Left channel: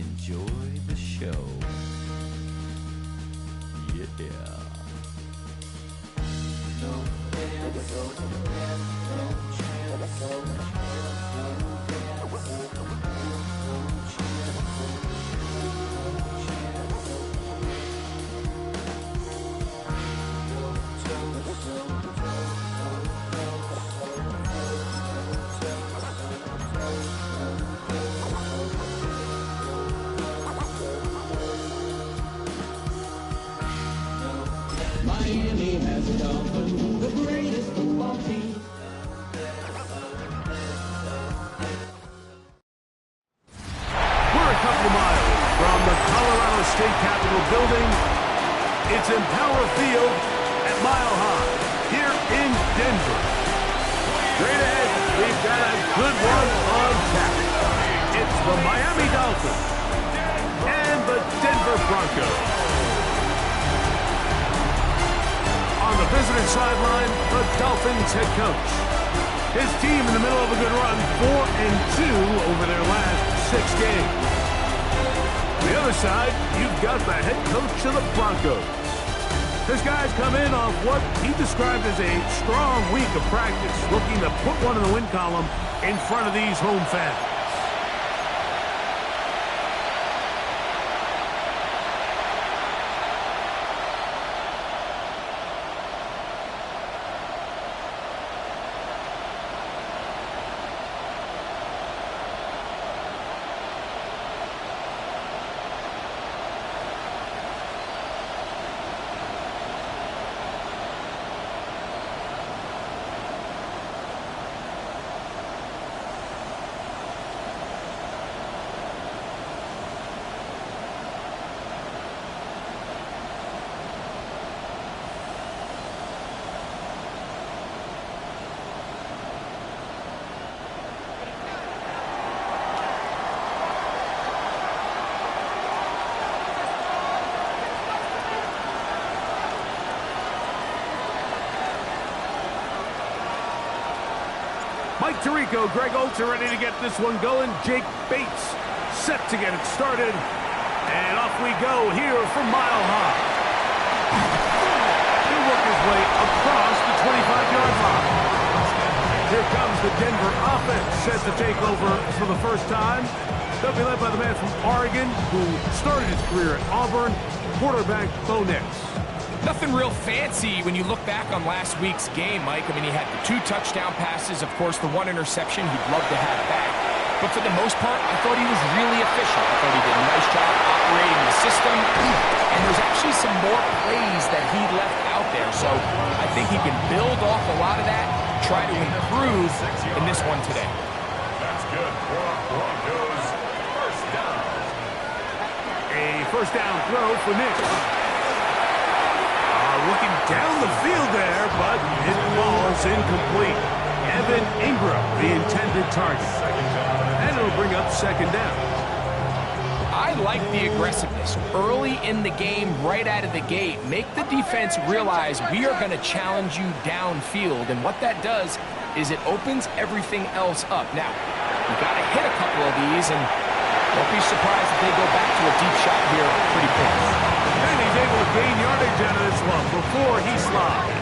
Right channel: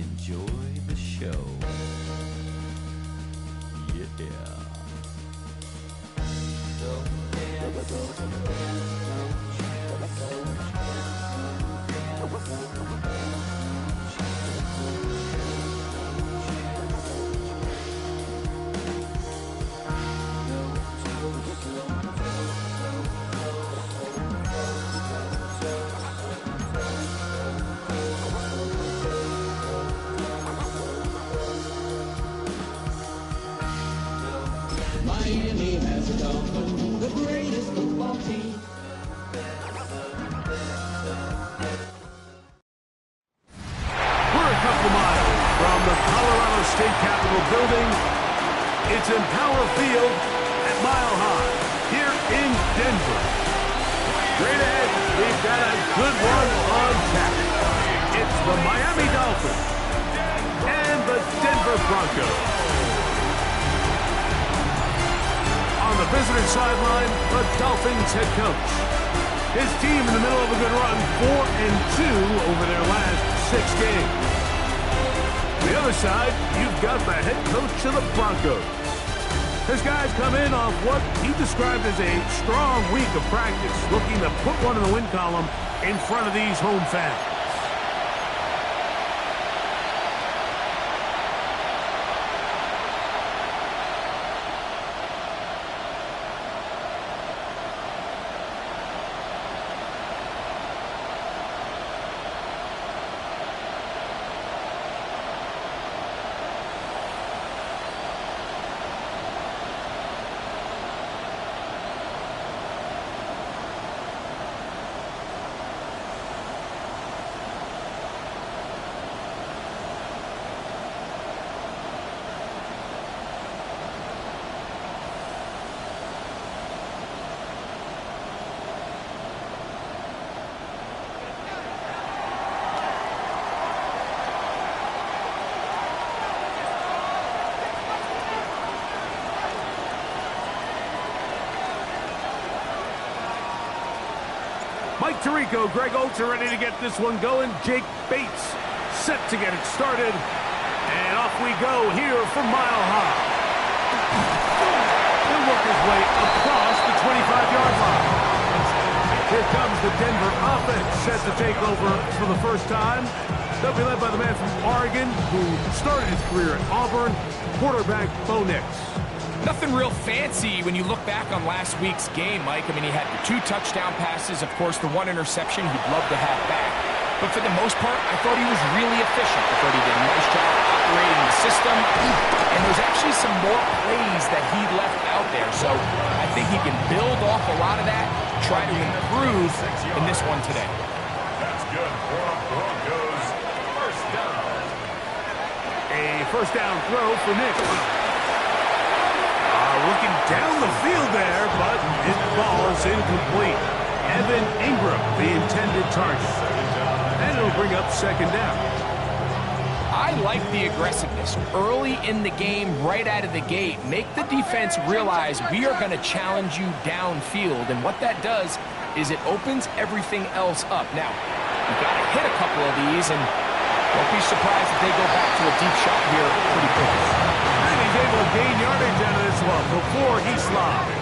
enjoy the show. Yeah. Miami has a Dolphins, the greatest football team. We're a couple of miles from the Colorado State Capitol building. It's Empower Field at Mile High here in Denver. Straight ahead, we've got a good one on tap. It's the Miami Dolphins and the Denver Broncos. On the visitor sideline, the Dolphins head coach. His team in the middle of a good run, 4-2 over their last 6 games. On the other side, you've got the head coach of the Broncos. His guys come in off what he described as a strong week of practice, looking to put one in the win column in front of these home fans. Mike Tirico, Greg Oltz are ready to get this one going. Jake Bates set to get it started. And off we go here from Mile High. He'll work his way across the 25-yard line. Here comes the Denver offense set to take over for the first time. They'll be led by the man from Oregon who started his career at Auburn, quarterback Bo Nix. Nothing real fancy when you look back on last week's game, Mike. I mean, he had the 2 touchdown passes, of course, the 1 interception he'd love to have back. But for the most part, I thought he was really efficient. I thought he did a nice job operating the system. And there's actually some more plays that he left out there. So I think he can build off a lot of that, try to improve in this one today. That's good for Broncos. First down. A first down throw for Nix. Looking down the field there, but it falls incomplete. Evan Ingram, the intended target. And it'll bring up second down. I like the aggressiveness. Early in the game, right out of the gate, make the defense realize we are going to challenge you downfield. And what that does is it opens everything else up. Now, you've got to hit a couple of these, and don't be surprised if they go back to a deep shot here pretty quick. And he's able to gain yardage out of this one before he slides.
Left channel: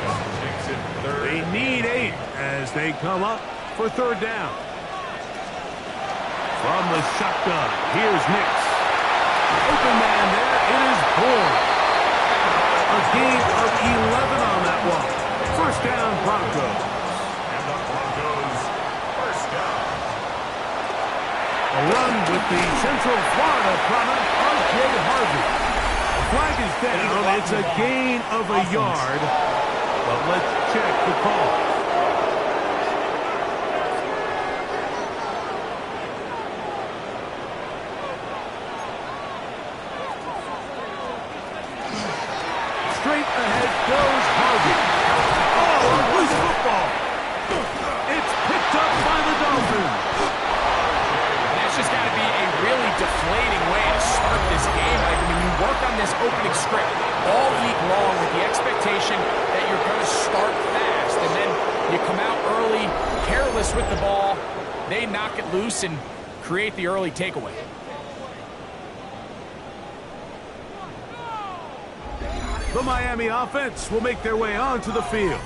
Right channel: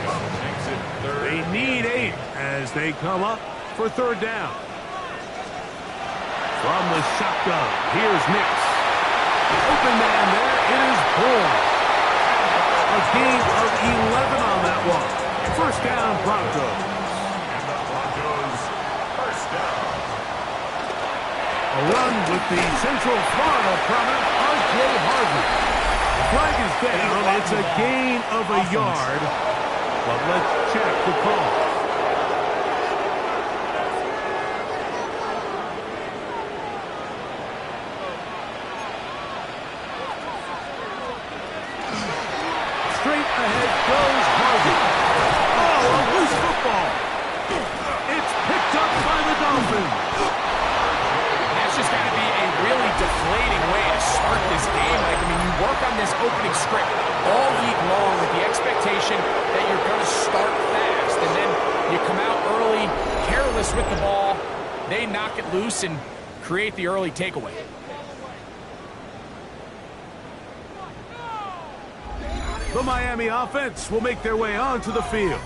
They need 8 as they come up for third down. From the shotgun, here's Nix. Open man there, it is Bourne. A gain of 11 on that one. First down, Broncos. And the Broncos, first down. A run with the Central Florida product, R.J. Harvey. The flag is down. It's a gain of a yard. But let's check the call. Straight ahead goes Harvey. Oh, a loose football. It's picked up by the Dolphins. That's just got to be a really deflating way to start this game. Like, I mean, you work on this opening script all week long with the expectation that you're going to start fast, and then you come out early, careless with the ball, they knock it loose and create the early takeaway. The Miami offense will make their way onto the field,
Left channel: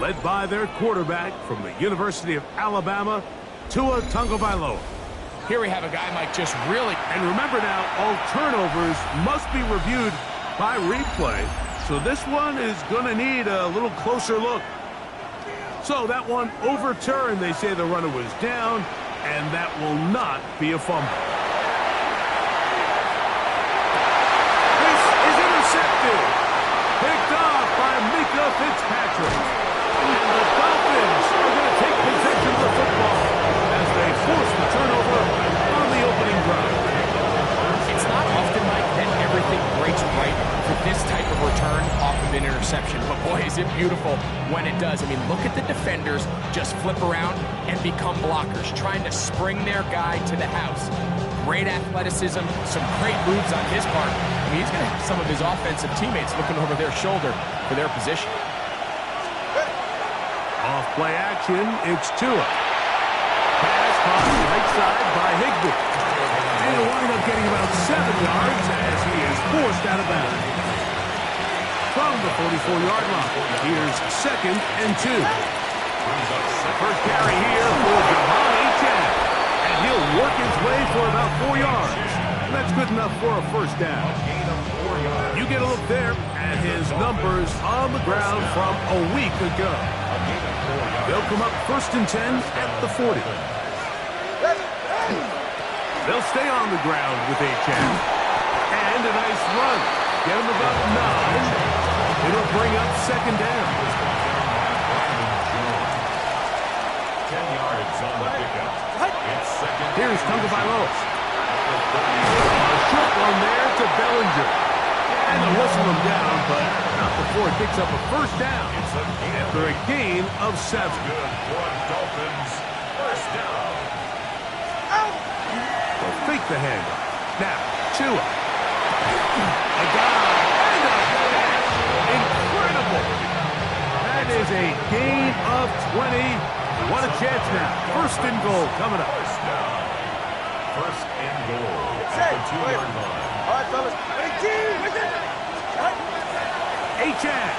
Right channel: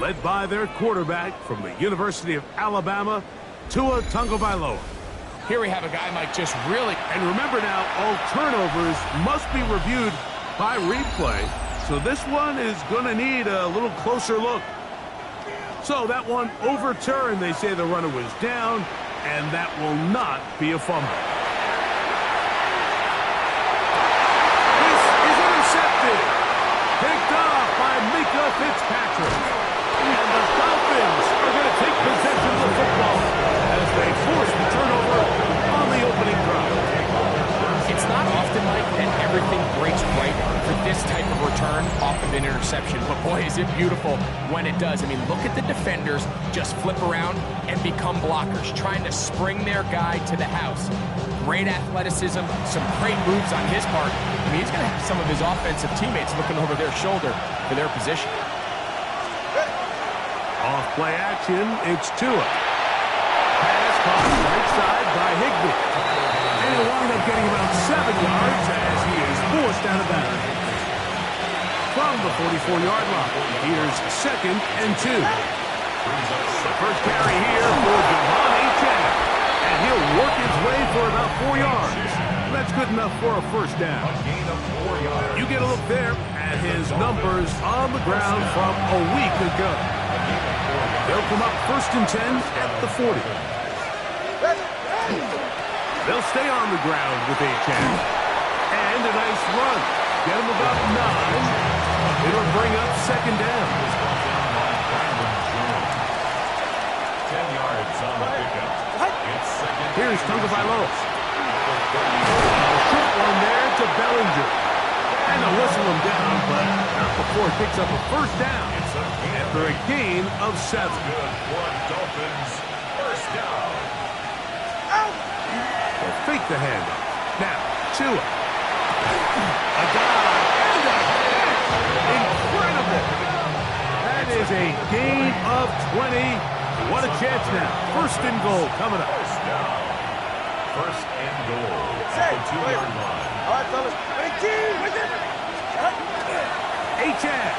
led by their quarterback from the University of Alabama, Tua Tagovailoa. Here we have a guy, Mike, just really... And remember now, all turnovers must be reviewed by replay, so this one is going to need a little closer look. So that one overturned. They say the runner was down, and that will not be a fumble. This is intercepted. Picked off by Mika Fitzpatrick. And the Dolphins are going to take possession of the football as they force the turnover on the opening drive. It's not often, Mike, that everything breaks right for this type of return off of an interception. But boy, is it beautiful when it does. I mean, look at the defenders just flip around and become blockers, trying to spring their guy to the house. Great athleticism, some great moves on his part. I mean, he's going to have some of his offensive teammates looking over their shoulder for their position. Off play action, it's Tua. Pass caught right side by Higbee. And he'll wind up getting about 7 yards as he is forced out of bounds. From the 44-yard line, here's 2nd and 2. The first carry here for Javon Achane. And he'll work his way for about 4 yards. That's good enough for a first down. You get a look there at his numbers on the ground from a week ago. They'll come up 1st and 10 at the 40. They'll stay on the ground with Achane. And a nice run. Get him about 9. It'll bring up 2nd down. 10 yards on the pickup. It's 2nd. Here's Tagovailoa. A short one there to Bellinger. And they'll whistle him down, but not before it picks up a first down after a gain of 7. Good for Dolphins. First down. They'll fake the handoff. Now, Tua. A dive and a catch. Incredible. That is a gain of 20. What a chance now. 1st and goal coming up. First down. 1st and goal at the 2-yard line. All right, fellas. Achane.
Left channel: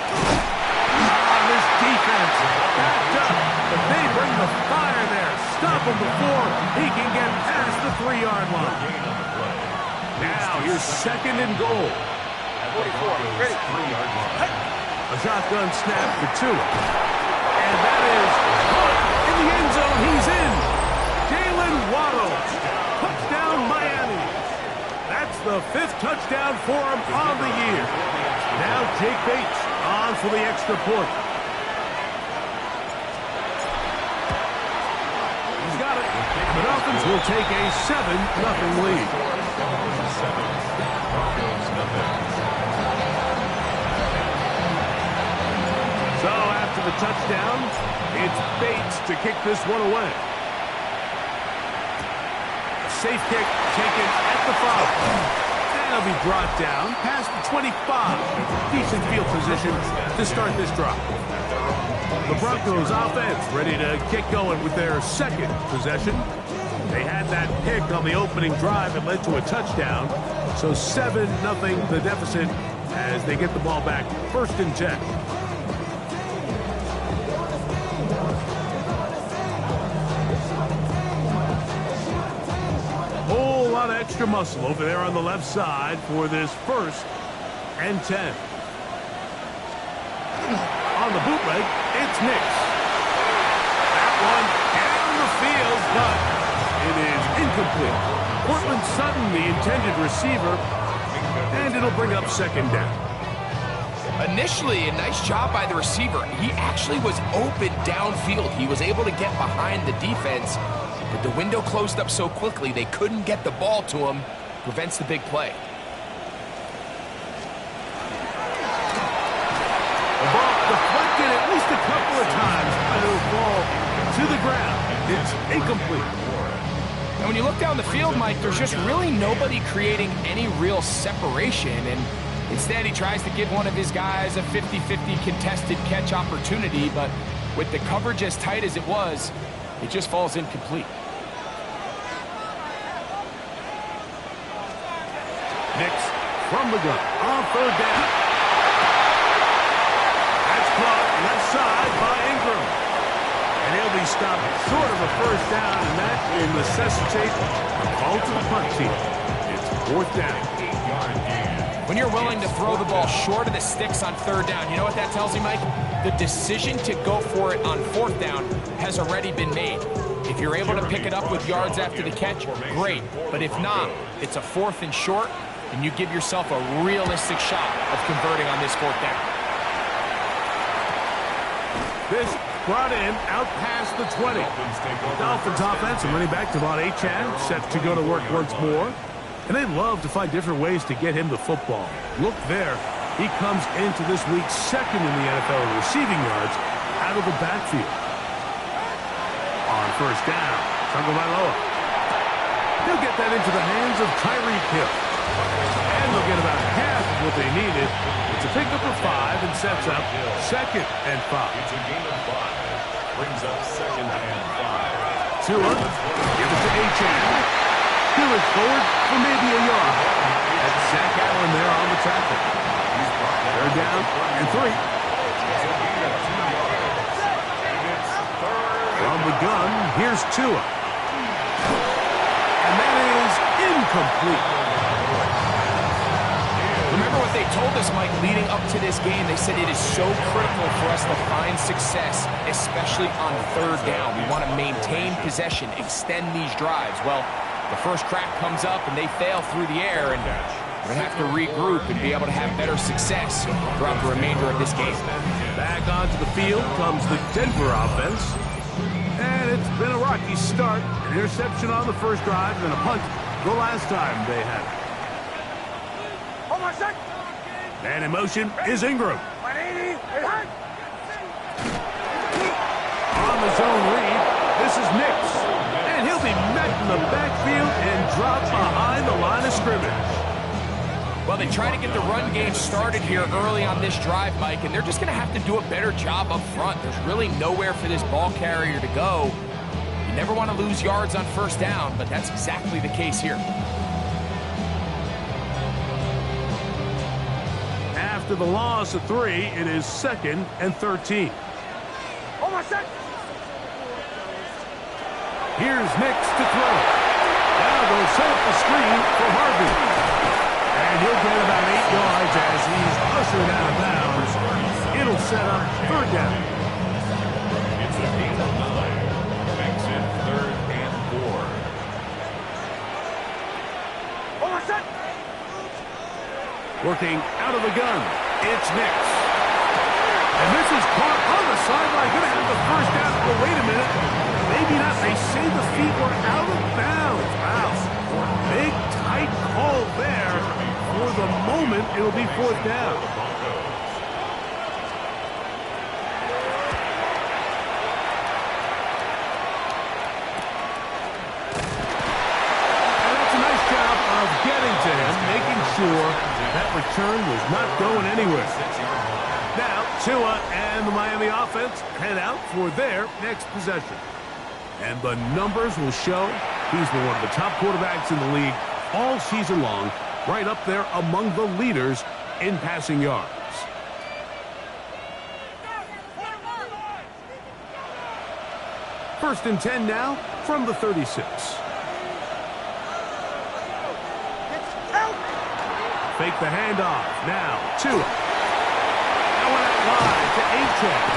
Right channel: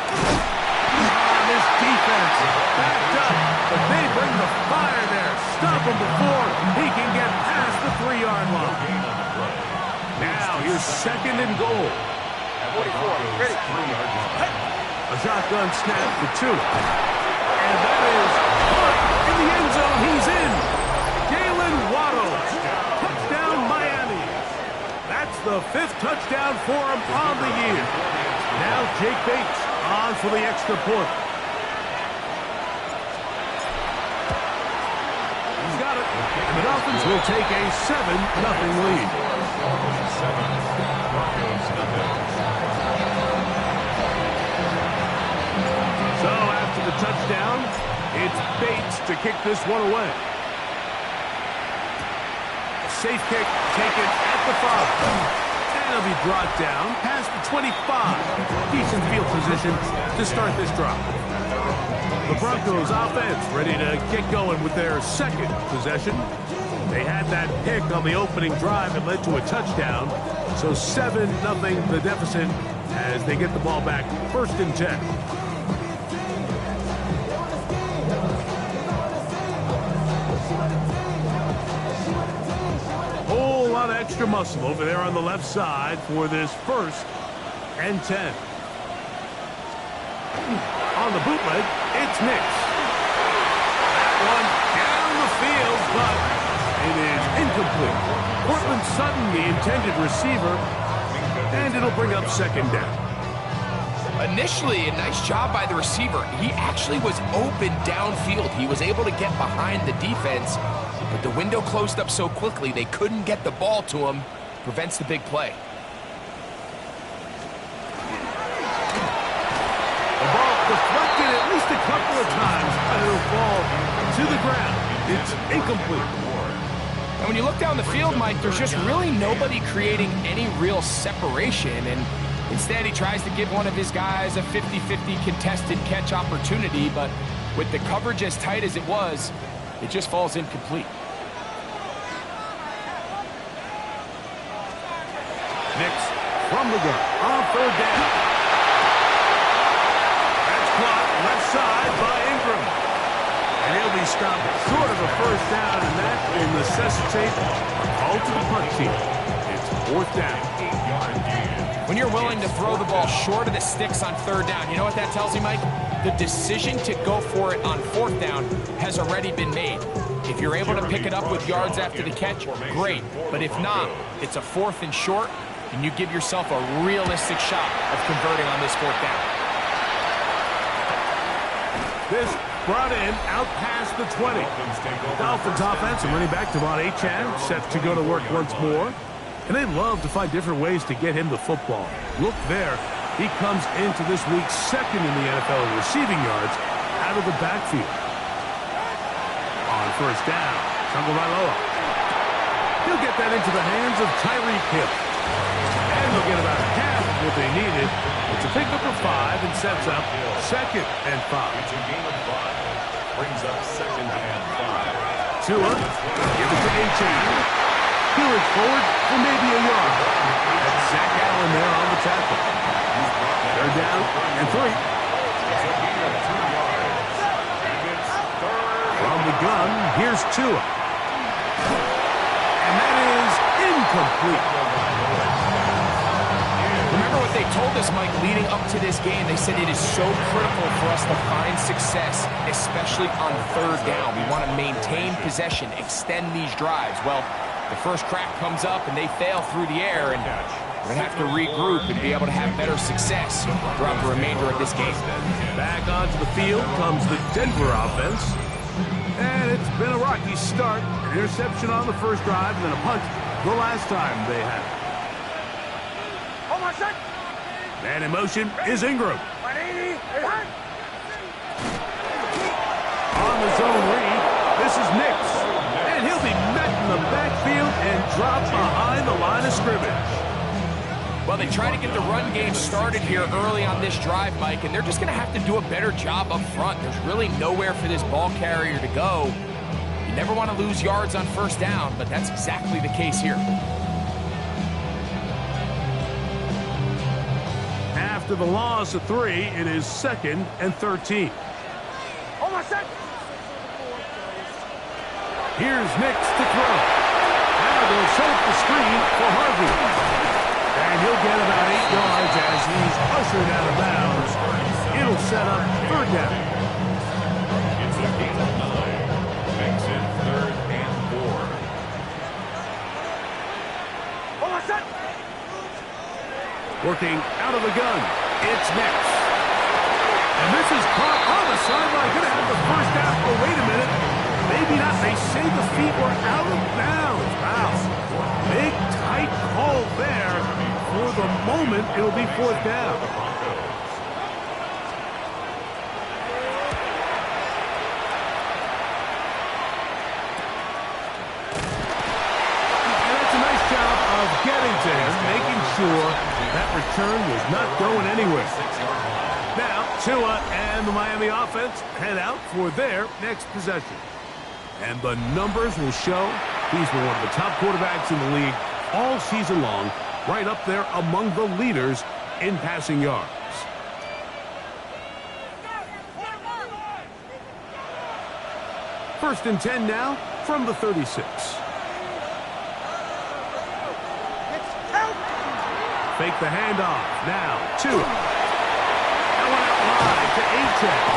This defense backed up, but they bring the fire there. Stop him before he can get past the 3-yard line. Gain on the play. Now here's 2nd and goal. At the Broncos' 3-yard line. A shotgun snap for Tua. And that is caught in the end zone. He's in. Jalen Waddle. Touchdown, Miami. That's the 5th touchdown for him on the year. Now Jake Bates on for the extra point. He's got it. And the Dolphins will take a 7-0 lead. Dolphins 7, Broncos nothing. So after the touchdown, it's Bates to kick this one away. A safe kick taken at the 5. And he'll be brought down past the 25. Decent field position to start this drive. The Broncos offense ready to get going with their 2nd possession. They had that pick on the opening drive and led to a touchdown. So 7-0 the deficit as they get the ball back 1st and 10. Whole lot of extra muscle over there on the left side for this 1st and 10. On the bootleg, it's Nix. That one down the field, but it is incomplete. Cortland Sutton, the intended receiver, and it'll bring up 2nd down. Initially, a nice job by the receiver. He actually was open downfield. He was able to get behind the defense, but the window closed up so quickly they couldn't get the ball to him. Prevents the big play. The ball deflected at least a couple of times, but it'll fall to the ground. It's incomplete. And when you look down the field, Mike, there's just really nobody creating any real separation, and instead he tries to give one of his guys a 50-50 contested catch opportunity, but with the coverage as tight as it was, it just falls incomplete. Nix from the gun on 3rd down. caught left side by Ingram. And he'll be stopped short of a first down, and that will necessitate a call to the punt team. It's fourth down. When you're willing to throw the ball short of the sticks on third down, you know what that tells you, Mike? The decision to go for it on fourth down has already been made. If you're able to pick it up with yards after the catch, great. But if not, it's a fourth and short, and you give yourself a realistic shot of converting on this fourth down. This brought in out past the 20. Dolphins offense and running back Devon Achane set to go to work once more. And they love to find different ways to get him the football. Look there. He comes into this week second in the NFL in receiving yards out of the backfield. On first down, Tagovailoa. He'll get that into the hands of Tyreek Hill. And they'll get about half of what they needed. It's a pickup of 5 and sets up second and 5. It's a gain of 5. Brings up second and 5. Tua, give it to Achane. He'll is forward for maybe a yard. That's Zach Allen there on the tackle. They're down and 3. From the gun, here's Tua. And that is incomplete. Remember what they told us, Mike, leading up to this game. They said it is so critical for us to find success, especially on third down. We want to maintain possession, extend these drives. Well, the first crack comes up and they fail through the air, and we're going to have to regroup and be able to have better success throughout the remainder of this game. Back onto the field comes the Denver offense. And it's been a rocky start. An interception on the first drive and then a punt the last time they had it. Man in motion is Ingram. On the zone read, this is Nix. And he'll be met in the backfield and dropped behind the line of scrimmage. Well, they try to get the run game started here early on this drive, Mike, and they're just going to have to do a better job up front. There's really nowhere for this ball carrier to go. You never want to lose yards on first down, but that's exactly the case here. After the loss of 3, it is second and 13. Here's Nix to throw. Now they'll set up the screen for Harvey. And he'll get about 8 yards as he's ushered out of bounds. It'll set up third down. It's a gain of 9. Makes it third and 4. Working out of the gun, it's Nix. And this is caught on the sideline. Going to have the first down. Oh, wait a minute. Maybe not. They say the feet were out of bounds. Wow. Big, tight call there. For the moment, it'll be fourth down. And that's a nice job of getting to him, making sure that return was not going anywhere. Now, Tua and the Miami offense head out for their next possession. And the numbers will show he's been one of the top quarterbacks in the league all season long, right up there among the leaders in passing yards. First and 10 now from the 36. Fake the handoff. Now, Tua. That one out wide to Achane.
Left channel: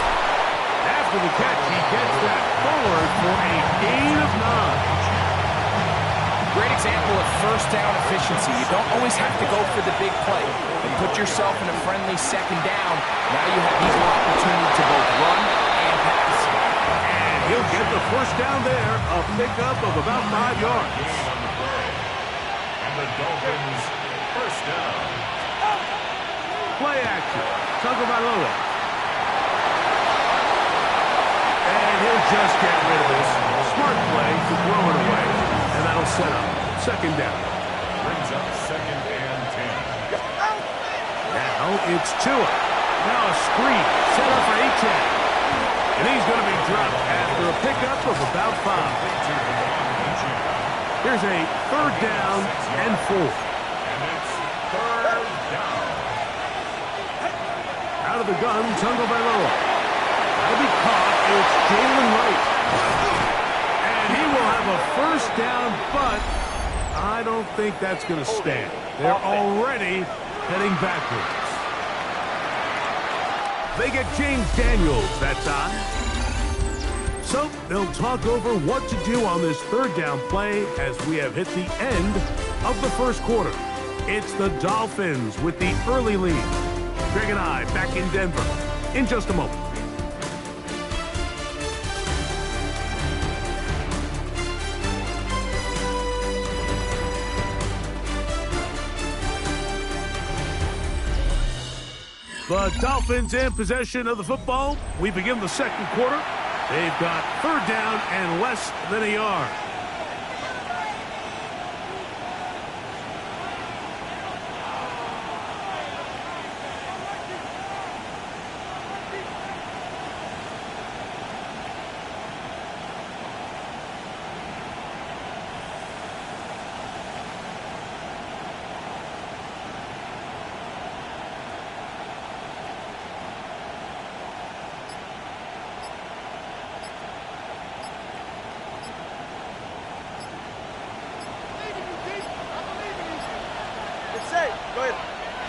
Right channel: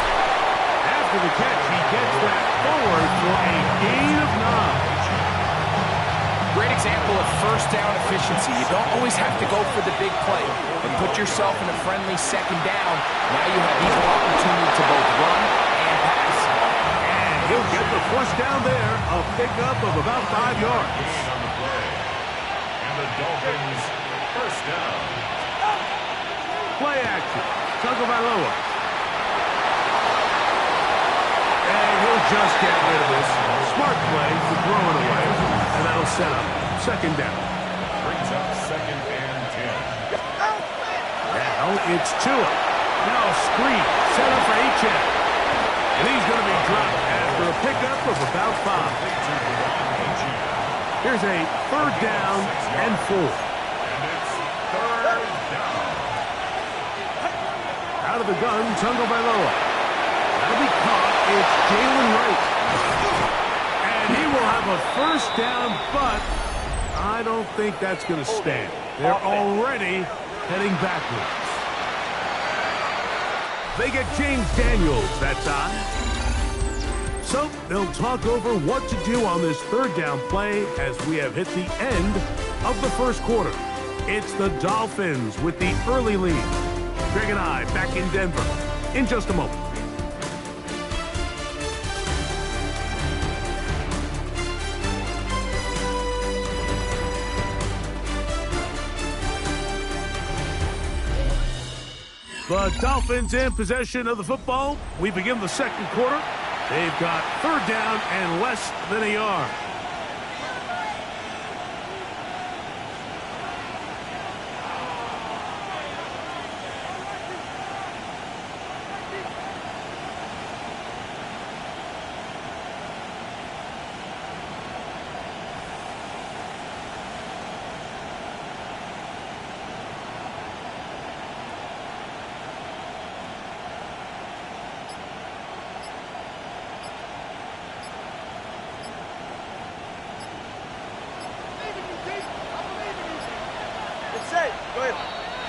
After the catch, he gets that forward for a gain of 9. Great example of first down efficiency. You don't always have to go for the big play, but put yourself in a friendly second down. Now you have equal opportunity to both run and pass. And he'll get the first down there, a pickup of about 5 yards. Gain on the play. And the Dolphins first down. Play action. Tagovailoa. And he'll just get rid of this. Smart play to throw it away. And that'll set up second down. Brings up second and 10. Now it's Tua. Now a screen set up for Achane. And he's going to be dropped after a pickup of about 5. Here's a third down and 4. And it's third down. Out of the gun, Tagovailoa. That'll be caught. It's Jalen Wright. And he will have a first down, but I don't think that's going to stand. They're already heading backwards. They get James Daniels that time. So they'll talk over what to do on this third down play as we have hit the end of the first quarter. It's the Dolphins with the early lead. Greg and I back in Denver in just a moment. The Dolphins in possession of the football. We begin the second quarter. They've got third down and less than a yard.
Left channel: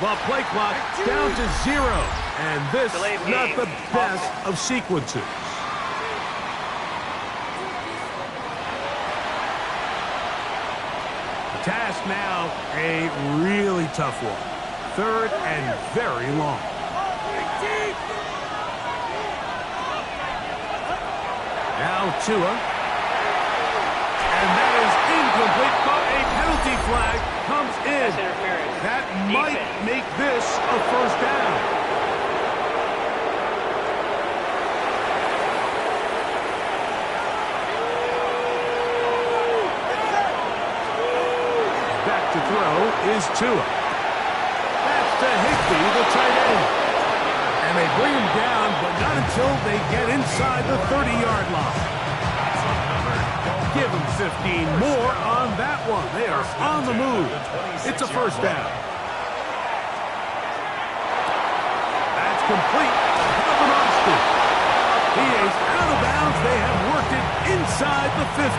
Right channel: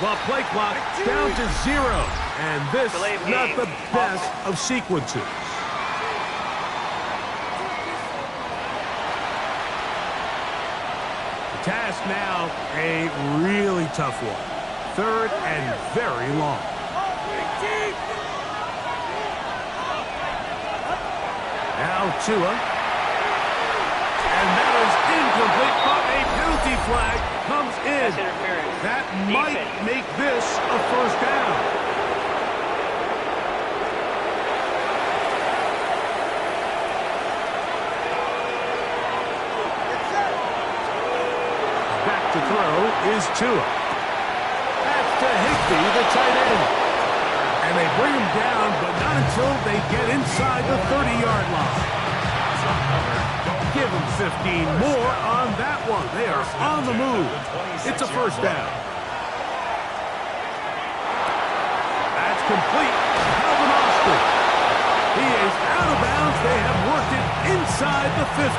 The play clock down to 0. And this not the best of sequences. The task now, a really tough one. Third and very long. Now Tua. And that is incomplete, but a penalty flag comes in. That might make this a first down. Back to throw is Tua. That's to Higbee, the tight end. And they bring him down, but not until they get inside the 30-yard line. Give them 15 more on that one. They are on the move. It's a first down. That's complete. Calvin Austin. He is out of bounds. They have worked it inside the 15.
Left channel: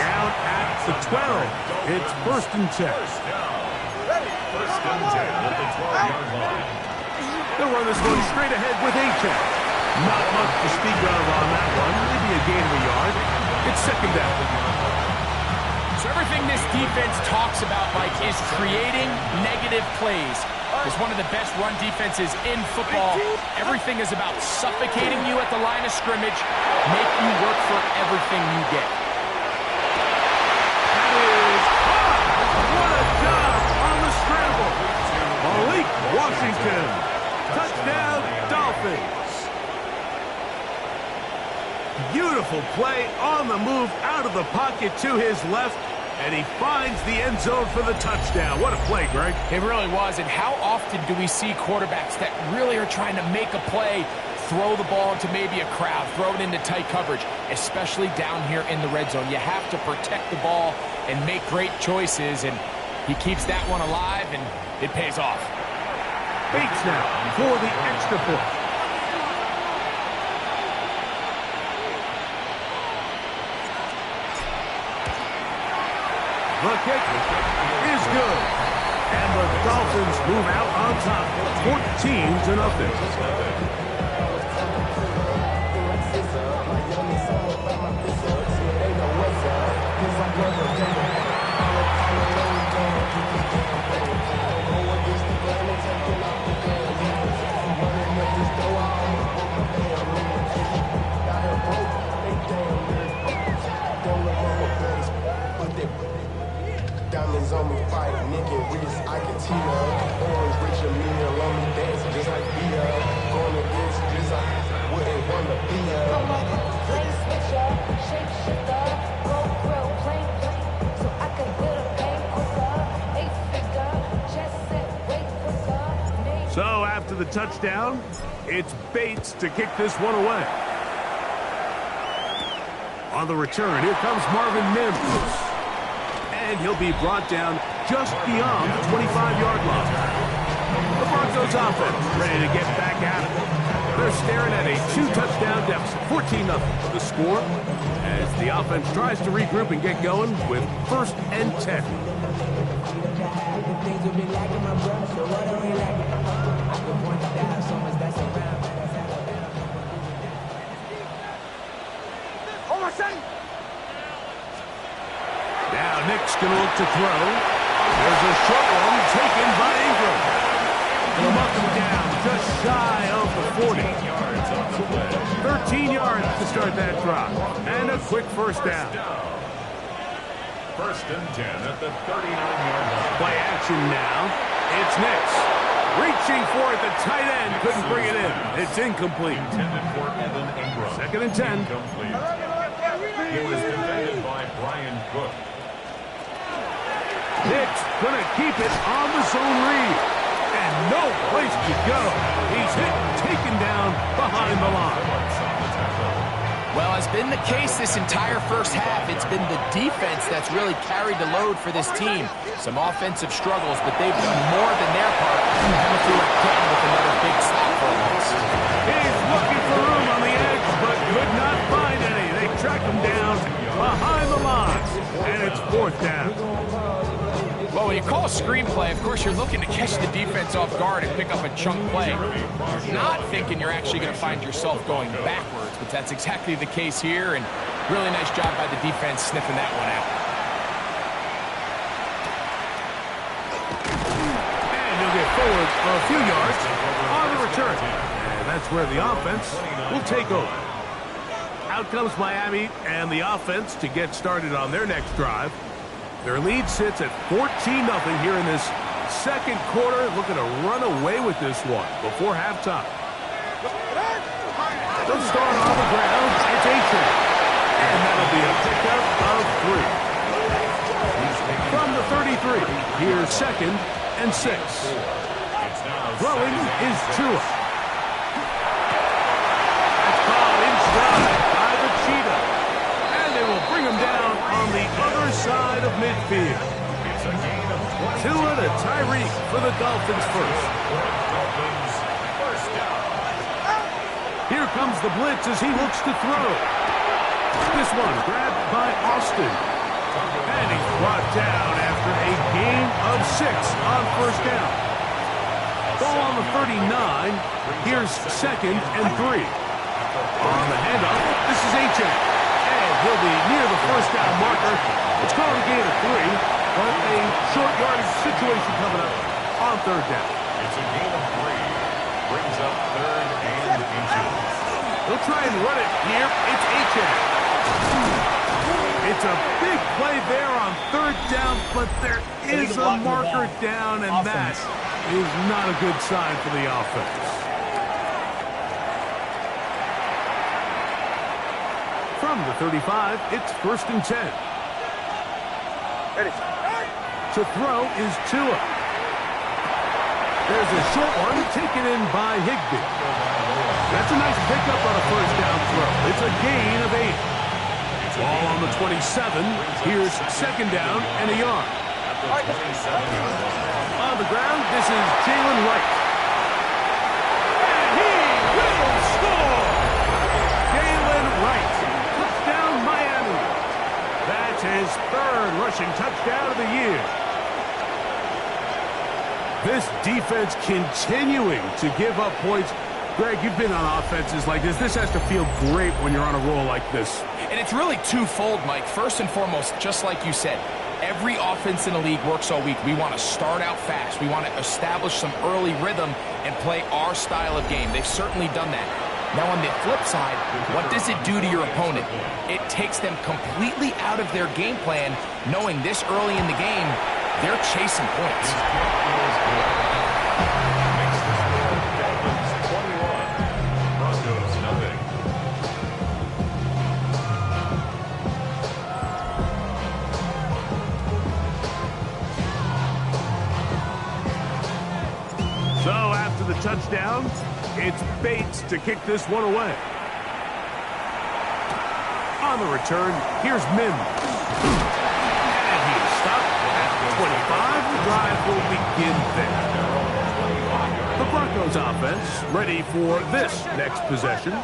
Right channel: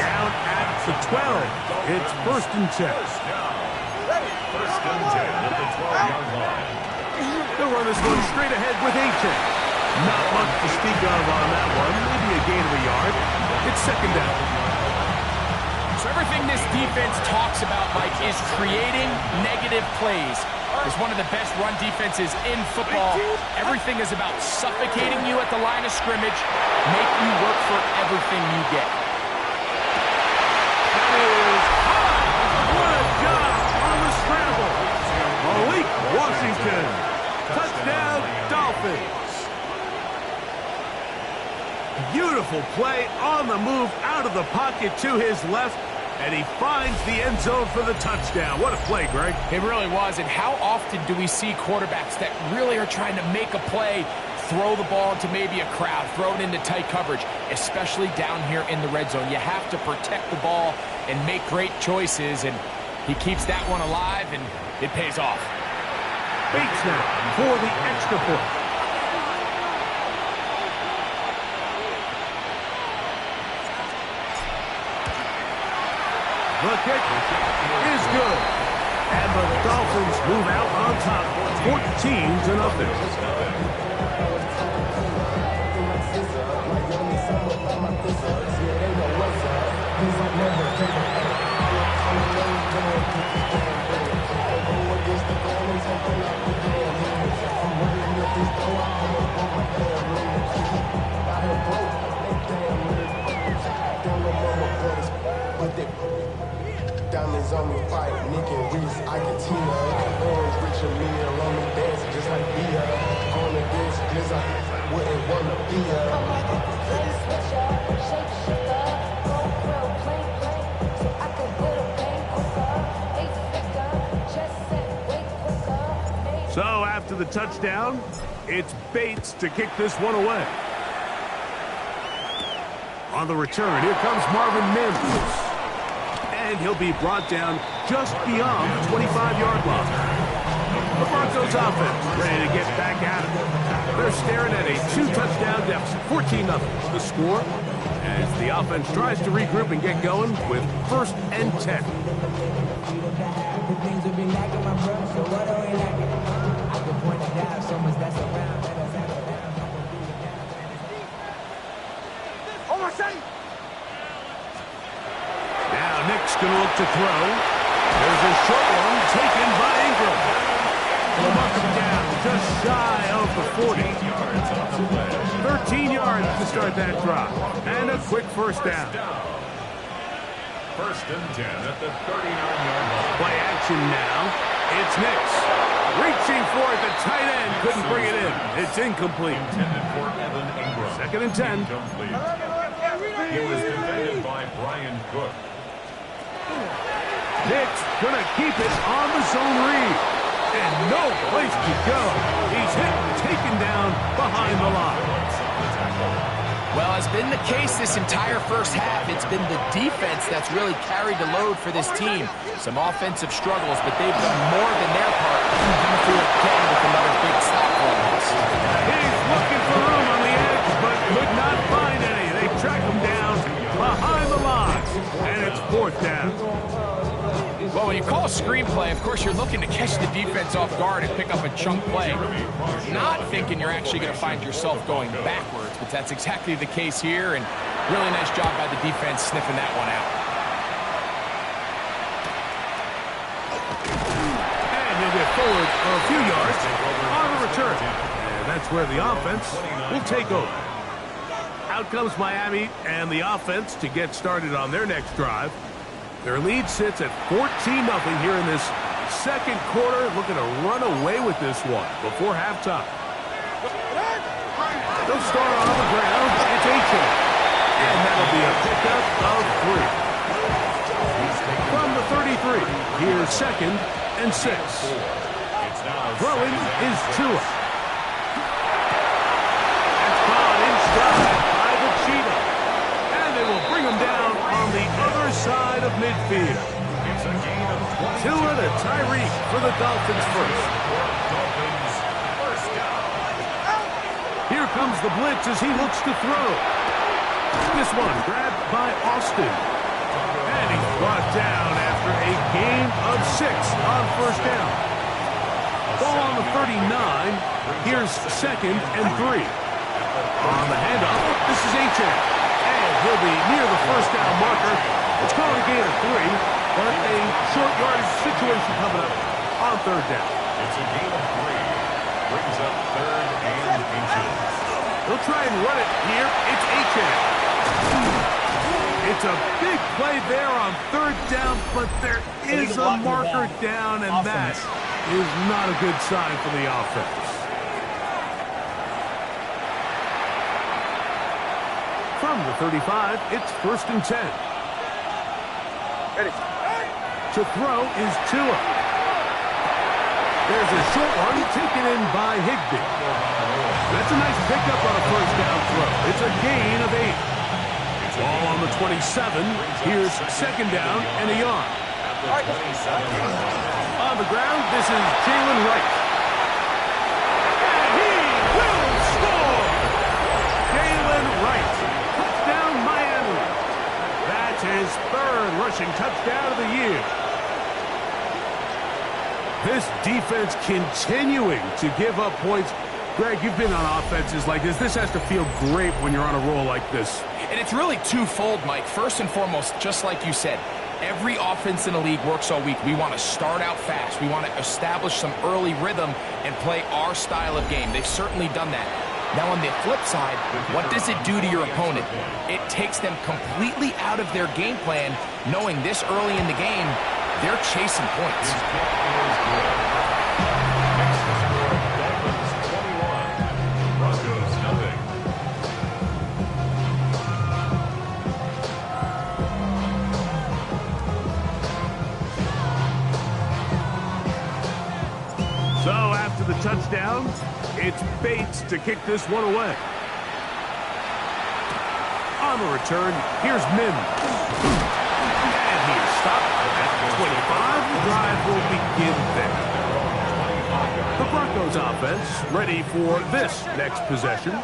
Down at the 12. It's first and 10. First and 10 at the 12-yard line. They'll run this one straight ahead with A-check. Not much to speak of on that one. Maybe a gain of a yard. It's second down. So everything this defense talks about, Mike, is creating negative plays. It's one of the best run defenses in football. Everything is about suffocating you at the line of scrimmage, make you work for everything you get. That is hot. What a job on the scramble. Malik Washington. Touchdown, Dolphins. Beautiful play on the move out of the pocket to his left, and he finds the end zone for the touchdown. What a play, Greg. It really was, and how often do we see quarterbacks that really are trying to make a play, throw the ball into maybe a crowd, throw it into tight coverage, especially down here in the red zone. You have to protect the ball and make great choices, and he keeps that one alive, and it pays off. Bates now for the extra point. The kick is good. And the Dolphins move out on top, 14-0. Diamonds on me, fight, Nick and Reese, I can Tina. Orange, Richard, meal on me, dancing just like Bia. Going against this, I wouldn't want to be a. Come on, play switcher, shape shifter, go grill, plain, so I can hit a pain quicker. 8-figure, just set, wait quicker. So after the touchdown, it's Bates to kick this one away. On the return, here comes Marvin Mims. And he'll be brought down just beyond the 25-yard line. The Broncos offense ready to get back at it. They're staring at a 2-touchdown deficit, 14-0. The score as the offense tries to regroup and get going with 1st and 10. The things will be lacking my brush, so what are we lacking? I can point it out, so much that's around, let us settle down, no one doing that. Oh, my son! Now Nick's going to look to throw. There's a short one taken by Ingram. He'll mark him down just shy of the 40. 13 yards to start that drive. And a quick first down. 1st and 10 at the 39-yard line. Play action now. It's Nix. Reaching for it. The tight end couldn't bring it in. It's incomplete. Intended for Evan Ingram. 2nd and 10. Incomplete. He was defended by Brian Cook. Nick's going to keep it on the zone read. And no place to go. He's hit and taken down behind the line. Well, as been the case this entire first half, it's been the defense that's really carried the load for this team. Some offensive struggles, but they've done more than their part. Coming through again with another big stop for a loss. He's looking for room on the edge, but could not find any. They track him down behind the line, and it's 4th down. Well, when you call a screenplay, of course, you're looking to catch the defense off guard and pick up a chunk play. You're not thinking you're actually going to find yourself going backwards, but that's exactly the case here, and really nice job by the defense sniffing that one out. And he'll get forward a few yards on the return. And that's where the offense will take over. Out comes Miami and the offense to get started on their next drive. Their lead sits at 14-0 here in this 2nd quarter. Looking to run away with this one before halftime. They'll start on the ground. It's Achan. And that'll be a pickup of 3. From the 33, here's 2nd and 6. Throwing is Tua. That's caught in stride by the Cheetah. They will bring him down on the other side of midfield. It's a gain of 20. Tua to Tyreek for the Dolphins first. First down. Here comes the blitz as he looks to throw. This one grabbed by Austin. And he's brought down after a gain of 6 on 1st down. Ball on the 39. Here's 2nd and 3. On the handoff, this is Achan. He'll be near the 1st down marker. It's called a gain of 3, but a short yardage situation coming up on 3rd down. It's a gain of 3. Brings up 3rd and inches. They'll try and run it here. It's Achan. It's a big play there on 3rd down, but there is a marker down, and that is not a good sign for the offense. From the 35, it's 1st and 10. Ready. To throw is Tua. There's a short one taken in by Higbee. That's a nice pickup on a 1st down throw. It's a gain of 8. Ball on the 27. Here's 2nd down and a yard. On the ground, this is Jalen Wright. And he will score! Jalen Wright. Touchdown, Miami. That's his 3rd rushing touchdown of the year. This defense continuing to give up points. Greg, you've been on offenses like this. This has to feel great when you're on a roll like this. And it's really twofold, Mike. First and foremost, just like you said, every offense in the league works all week. We want to start out fast. We want to establish some early rhythm and play our style of game. They've certainly done that. Now, on the flip side, what does it do to your opponent? It takes them completely out of their game plan, knowing this early in the game, they're chasing points. His kick is good. Makes the score Dolphins 21, Broncos nothing. So after the touchdown, it's Bates to kick this one away. On the return, here's Mims. And he's stopped at 25. The drive will begin there. The Broncos offense ready for this next possession.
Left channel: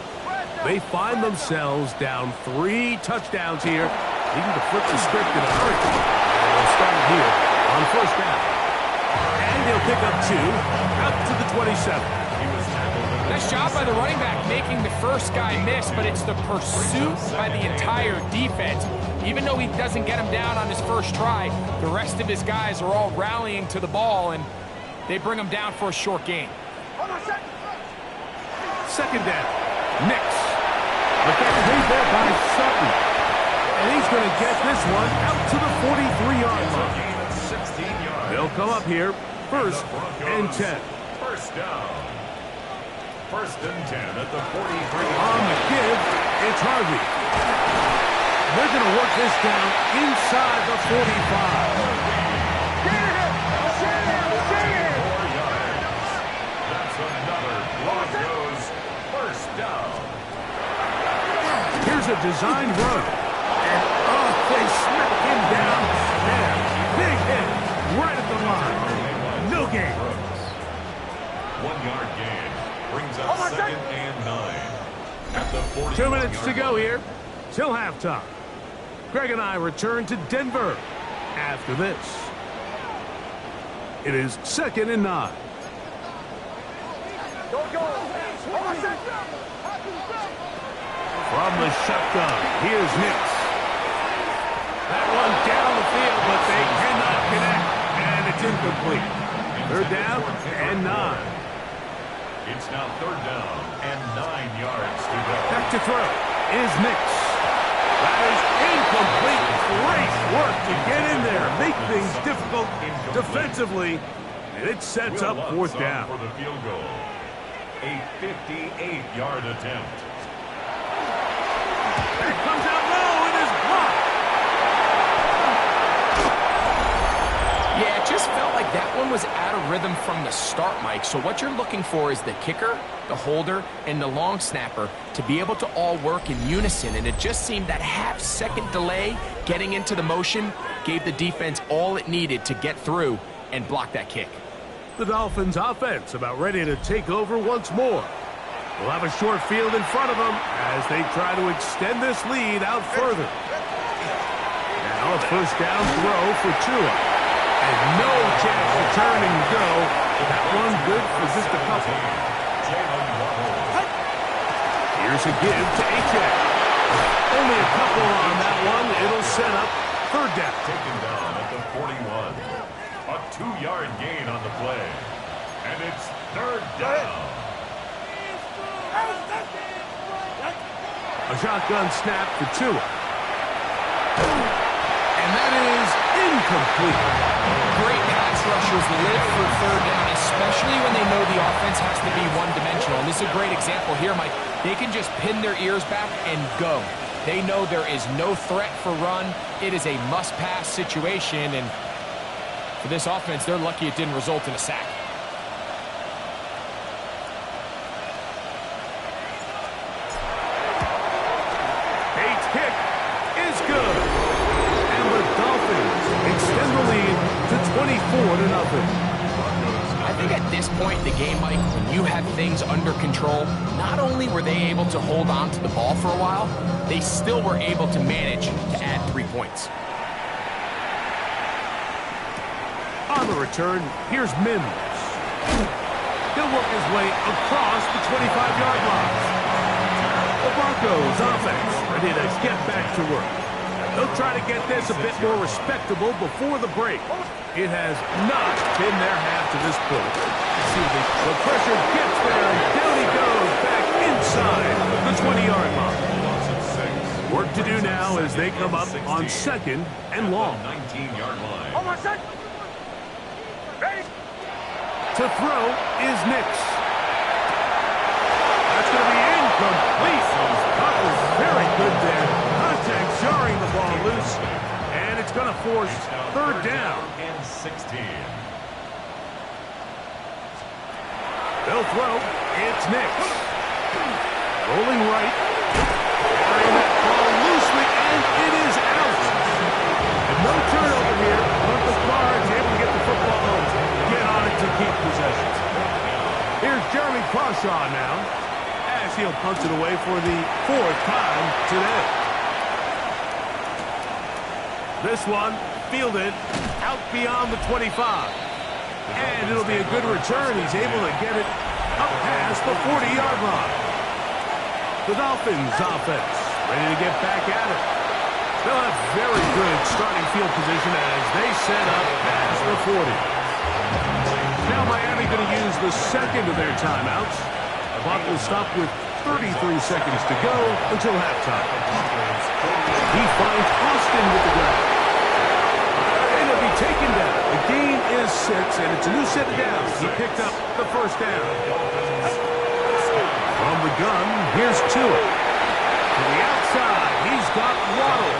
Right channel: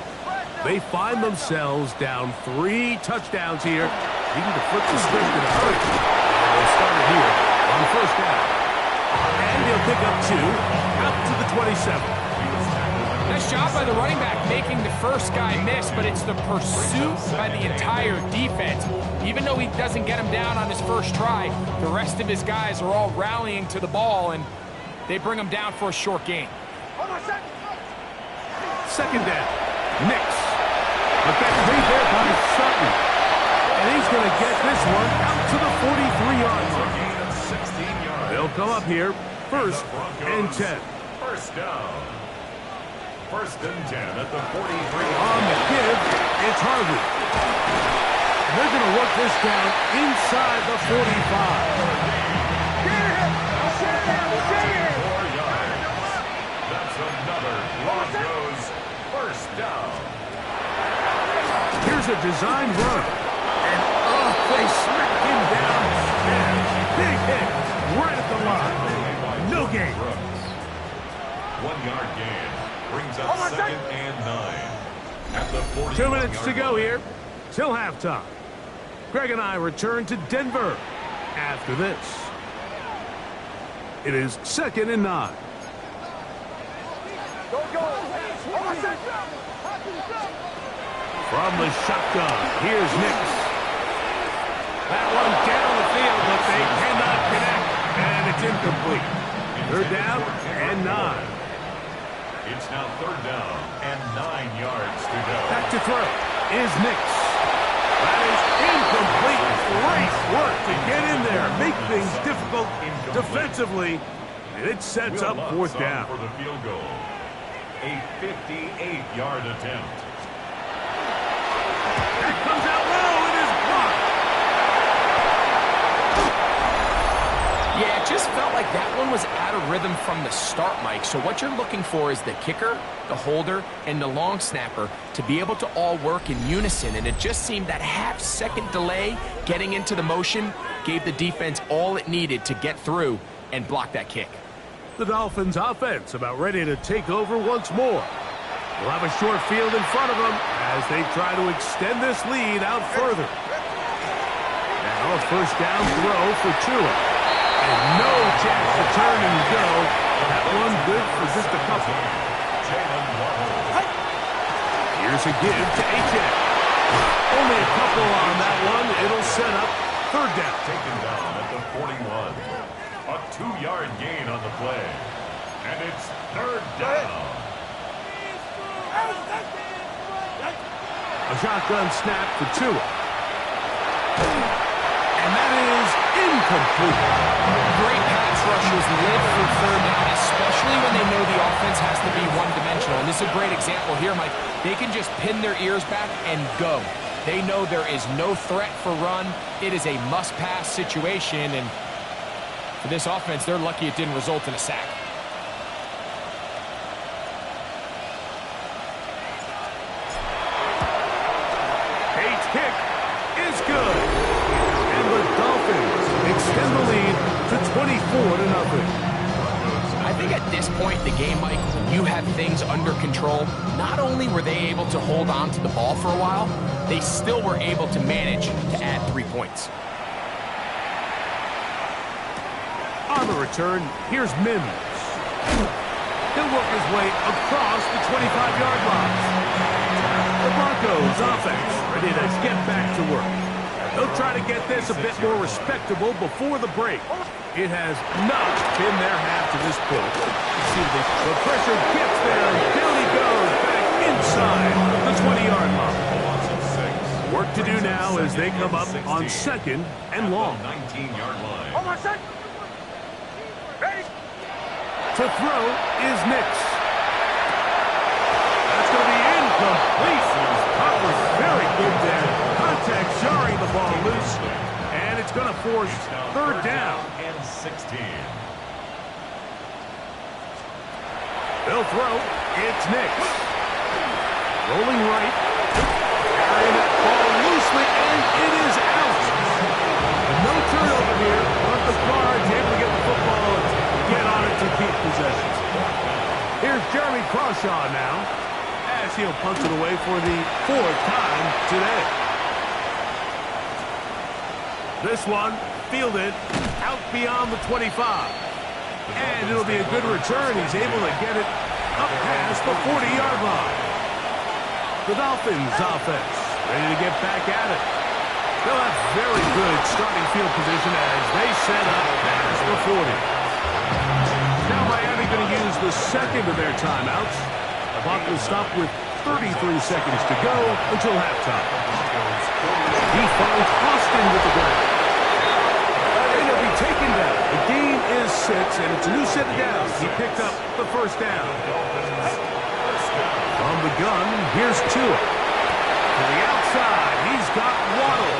They find themselves down 3 touchdowns here, needing to flip the script in a hurry. And they'll start it here on first down. And he'll pick up 2 out to the 27. Nice job by the running back making the first guy miss, but it's the pursuit by the entire defense. Even though he doesn't get him down on his first try, the rest of his guys are all rallying to the ball, and they bring him down for a short gain. Second down. Nix. But that's made there by Sutton. And he's going to get this one out to the 43-yard line. Gain of 16 yards. They'll come up here, first and 10. First down. First and 10 at the 43. On the give, it's Harvey. And they're going to work this down inside the 45. 4 yards. That's another Broncos first down. Here's a designed run. And, they smack him down there. Big hit right at the line. No gain. 1 yard gain. Brings up second and 9. At the 40. 2 minutes to go here till halftime. Greg and I return to Denver after this. It is second and 9. From the shotgun, here's Nix. That one down the field, but they cannot connect, and it's incomplete. Third down and 9. It's now third down and 9 yards to go. Back to throw is Nix. That is incomplete. Great work to get in there, make things difficult defensively, and it sets up fourth down. For the field goal. A 58-yard attempt. That comes out low. It is blocked. Yeah, it just felt like that one was out of rhythm from the start, Mike. So what you're looking for is the kicker, the holder, and the long snapper to be able to all work in unison. And it just seemed that half-second delay getting into the motion gave the defense all it needed to get through and block that kick. The Dolphins offense about ready to take over once more. They'll have a short field in front of them as they try to extend this lead out further. Now a first down throw for Tua. And no chance to turn and go. That one good for just a couple. Here's a give to H.A. Only a couple on that one. It'll set up third down. Taken down at the 41. A 2-yard gain on the play. And it's third down. A shotgun snap for Tua. And that is incomplete. Great pass rushers live for third down, especially when they know the offense has to be one-dimensional. And this is a great example here, Mike. They can just pin their ears back and go. They know there is no threat for run. It is a must-pass situation, and for this offense, they're lucky it didn't result in a sack. Pate's kick is good. And the Dolphins extend the lead to 24-0. I think at this point in the game, Mike, when you have things under control, not only were they able to hold on to the ball for a while, they still were able to manage to add 3 points. On the return, here's Mims. He'll work his way across the 25-yard line. The Broncos offense ready to get back to work. They'll try to get this a bit more respectable before the break. It has not been their half to this point. See, the pressure gets there, and down he goes back inside the 20-yard line. Work to do now as they come up on second and long. 19-yard line. To throw is Nix. That's going to be incomplete. Coverage very good there. Contact jarring the ball loose. And it's going to force third down. And 16. They'll throw. It's Nix. Rolling right. Carrying that ball loosely, and it is out. And no turnover here, but the guard's able to get the football and get on it to keep possession. Here's Jeremy Crawshaw now, as he'll punt it away for the 4th time today. This one fielded out beyond the 25. And it'll be a good return. He's able to get it up past the 40-yard line. The Dolphins offense ready to get back at it. They'll have very good starting field position as they set up past the 40. Now Miami going to use the second of their timeouts. The clock will stop with 33 seconds to go until halftime. He finds Austin with the ground. And he'll be taken down. The game is 6, and it's a new set of downs. He picked up the first down. From the gun, here's Tua. To the outside, he's got Waddle.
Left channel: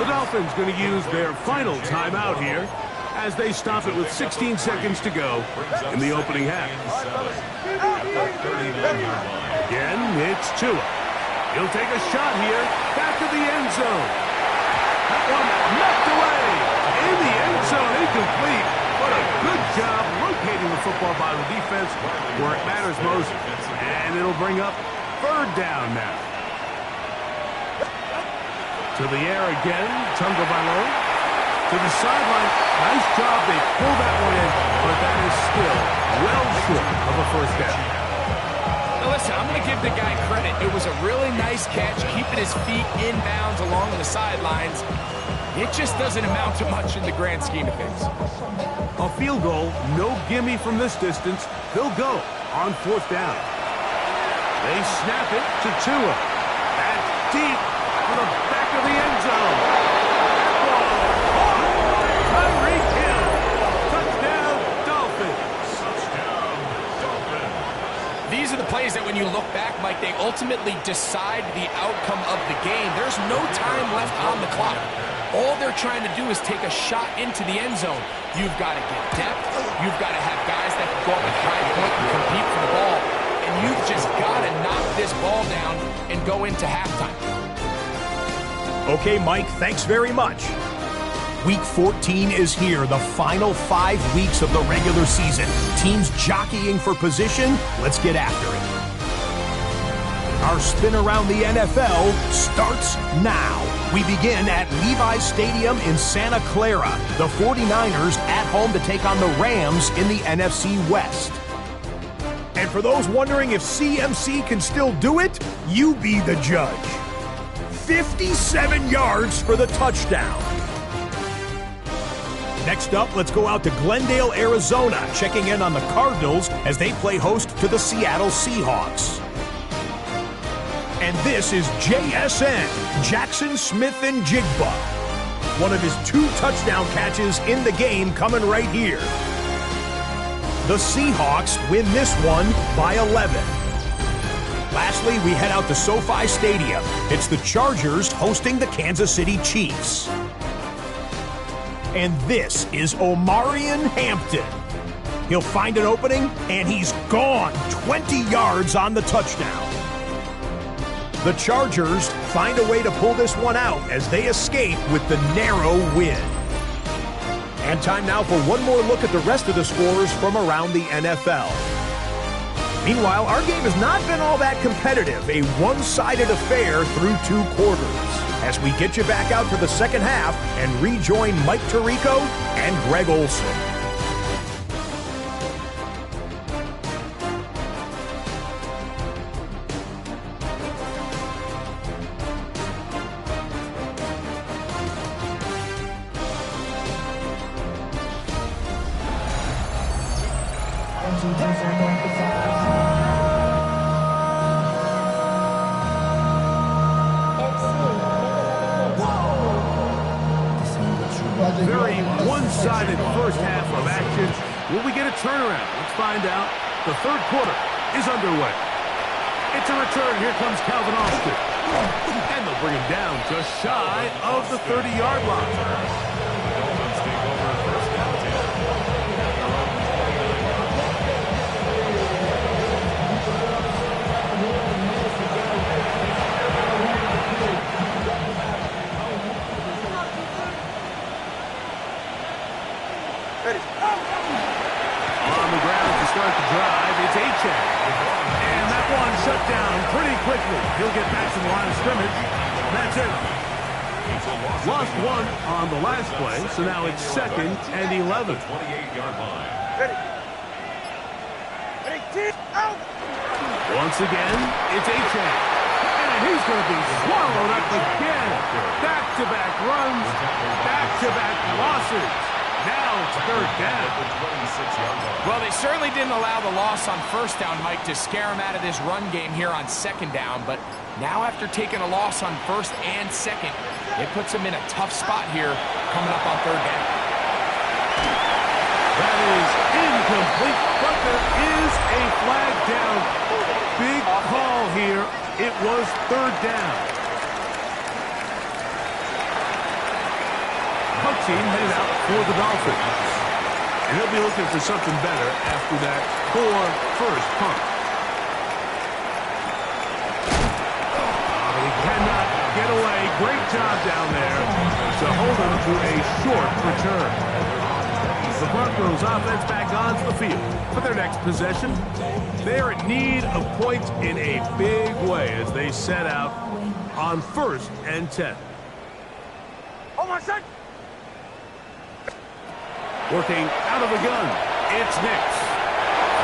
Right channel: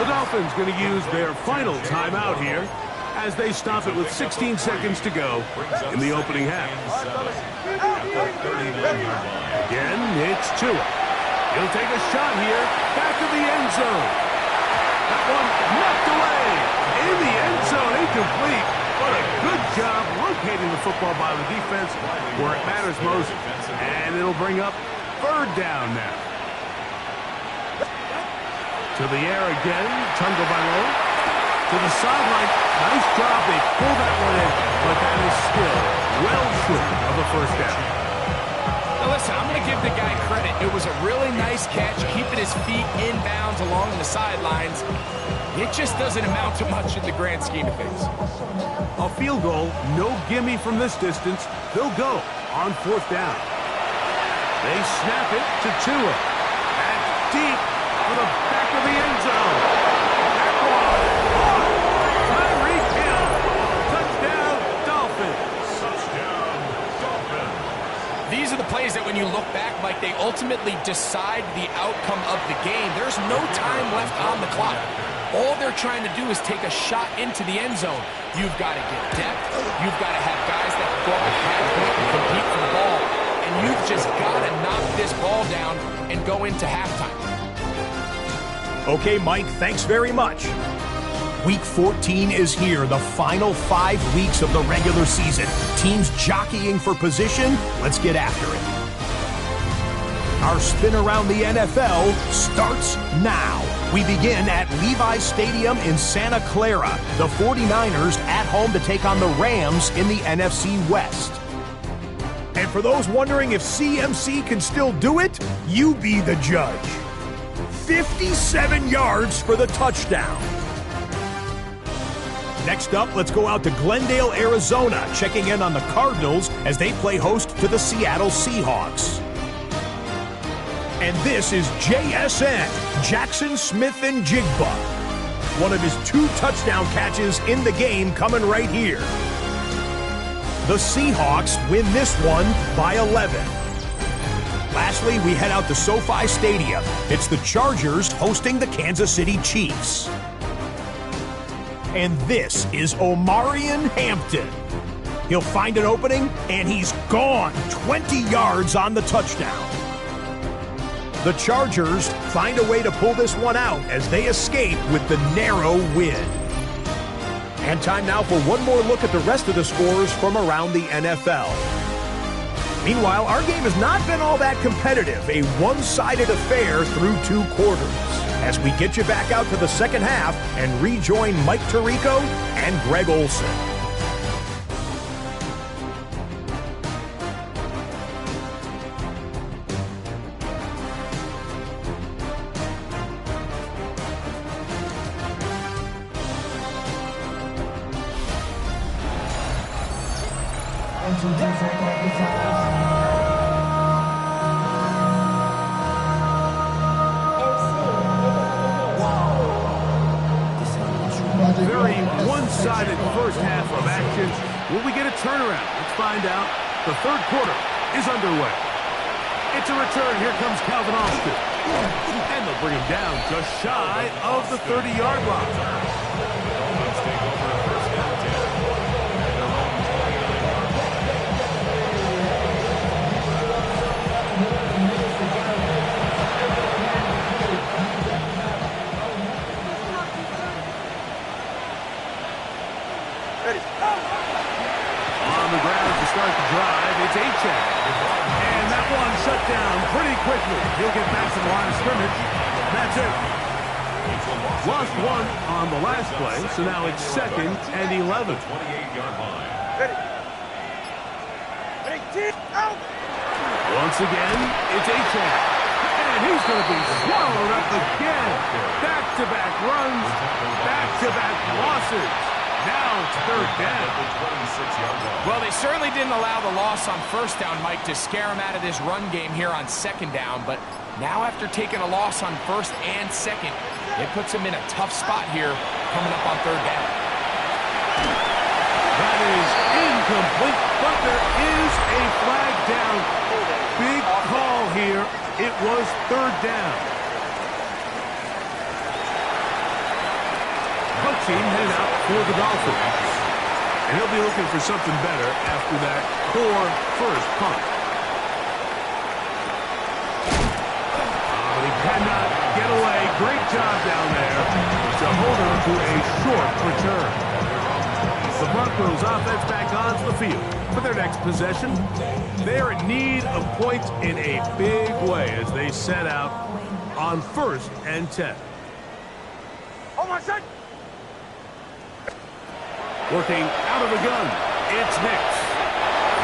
The Dolphins going to use their final timeout here as they stop it with 16 seconds to go in the opening half. Again, it's Tua. He'll take a shot here, back of the end zone. That one knocked away. In the end zone, incomplete. But a good job locating the football by the defense where it matters most. And it'll bring up 3rd down now. To the air again, Tunga Bailon. To the sideline. Nice job. They pull that one in, but that is still well short of a first down. Now listen, I'm going to give the guy credit. It was a really nice catch, keeping his feet inbounds along the sidelines. It just doesn't amount to much in the grand scheme of things. A field goal, no gimme from this distance. They'll go on 4th down. They snap it to Tua. That's deep for the back of the end zone. That ball caught. Tyreek Hill. Touchdown, Dolphins. Touchdown, Dolphins. These are the plays that when you look back, Mike, they ultimately decide the outcome of the game. There's no time left on the clock. All they're trying to do is take a shot into the end zone. You've got to get depth. You've got to have guys that can go up at high point and compete for the ball. And you've just got to knock this ball down and go into halftime. Okay, Mike, thanks very much. Week 14 is here, the final 5 weeks of the regular season. Teams jockeying for position. Let's get after it. Our spin around the NFL starts now. We begin at Levi's Stadium in Santa Clara. The 49ers at home to take on the Rams in the NFC West. And for those wondering if CMC can still do it, you be the judge. 57 yards for the touchdown. Next up, let's go out to Glendale, Arizona, checking in on the Cardinals as they play host to the Seattle Seahawks. And this is JSN, Jackson Smith-Njigba. One of his 2 touchdown catches in the game coming right here. The Seahawks win this one by 11. Lastly, we head out to SoFi Stadium. It's the Chargers hosting the Kansas City Chiefs. And this is Omarion Hampton. He'll find an opening, and he's gone 20 yards on the touchdown. The Chargers find a way to pull this one out as they escape with the narrow win. And time now for one more look at the rest of the scores from around the NFL. Meanwhile, our game has not been all that competitive, a one-sided affair through 2 quarters. As we get you back out to the second half and rejoin Mike Tirico and Greg Olson. Very one-sided first half of action. Will we get a turnaround? Let's find out. The 3rd quarter is underway. It's a return. Here comes Calvin Austin. And they'll bring him down just shy of the 30-yard line. The Dolphins take over 1st and 10 at their own 29-yard line. On the ground to start the drive, it's Achane. And that one shut down pretty quickly. He'll get back to the line of scrimmage. That's it. Lost one on the last play, so now it's 2nd and 11. 28-yard line. Once again, it's Achane. And he's going to be swallowed up again. Back-to-back runs, back-to-back losses. Now it's 3rd down. Well, they certainly didn't allow the loss on 1st down, Mike, to scare him out of this run game here on 2nd down. But now after taking a loss on 1st and 2nd, it puts him in a tough spot here coming up on 3rd down. That is incomplete, but there is a flag down. Big call here. It was 3rd down. Punt team headed out for the Dolphins. And he'll be looking for something better after that poor first punt. But he cannot get away. Great job down there to hold him to a short return. The Broncos offense back onto the field for their next possession. They are in need of points in a big way as they set out on 1st and 10. Oh my son! Working out of the gun, it's Nix.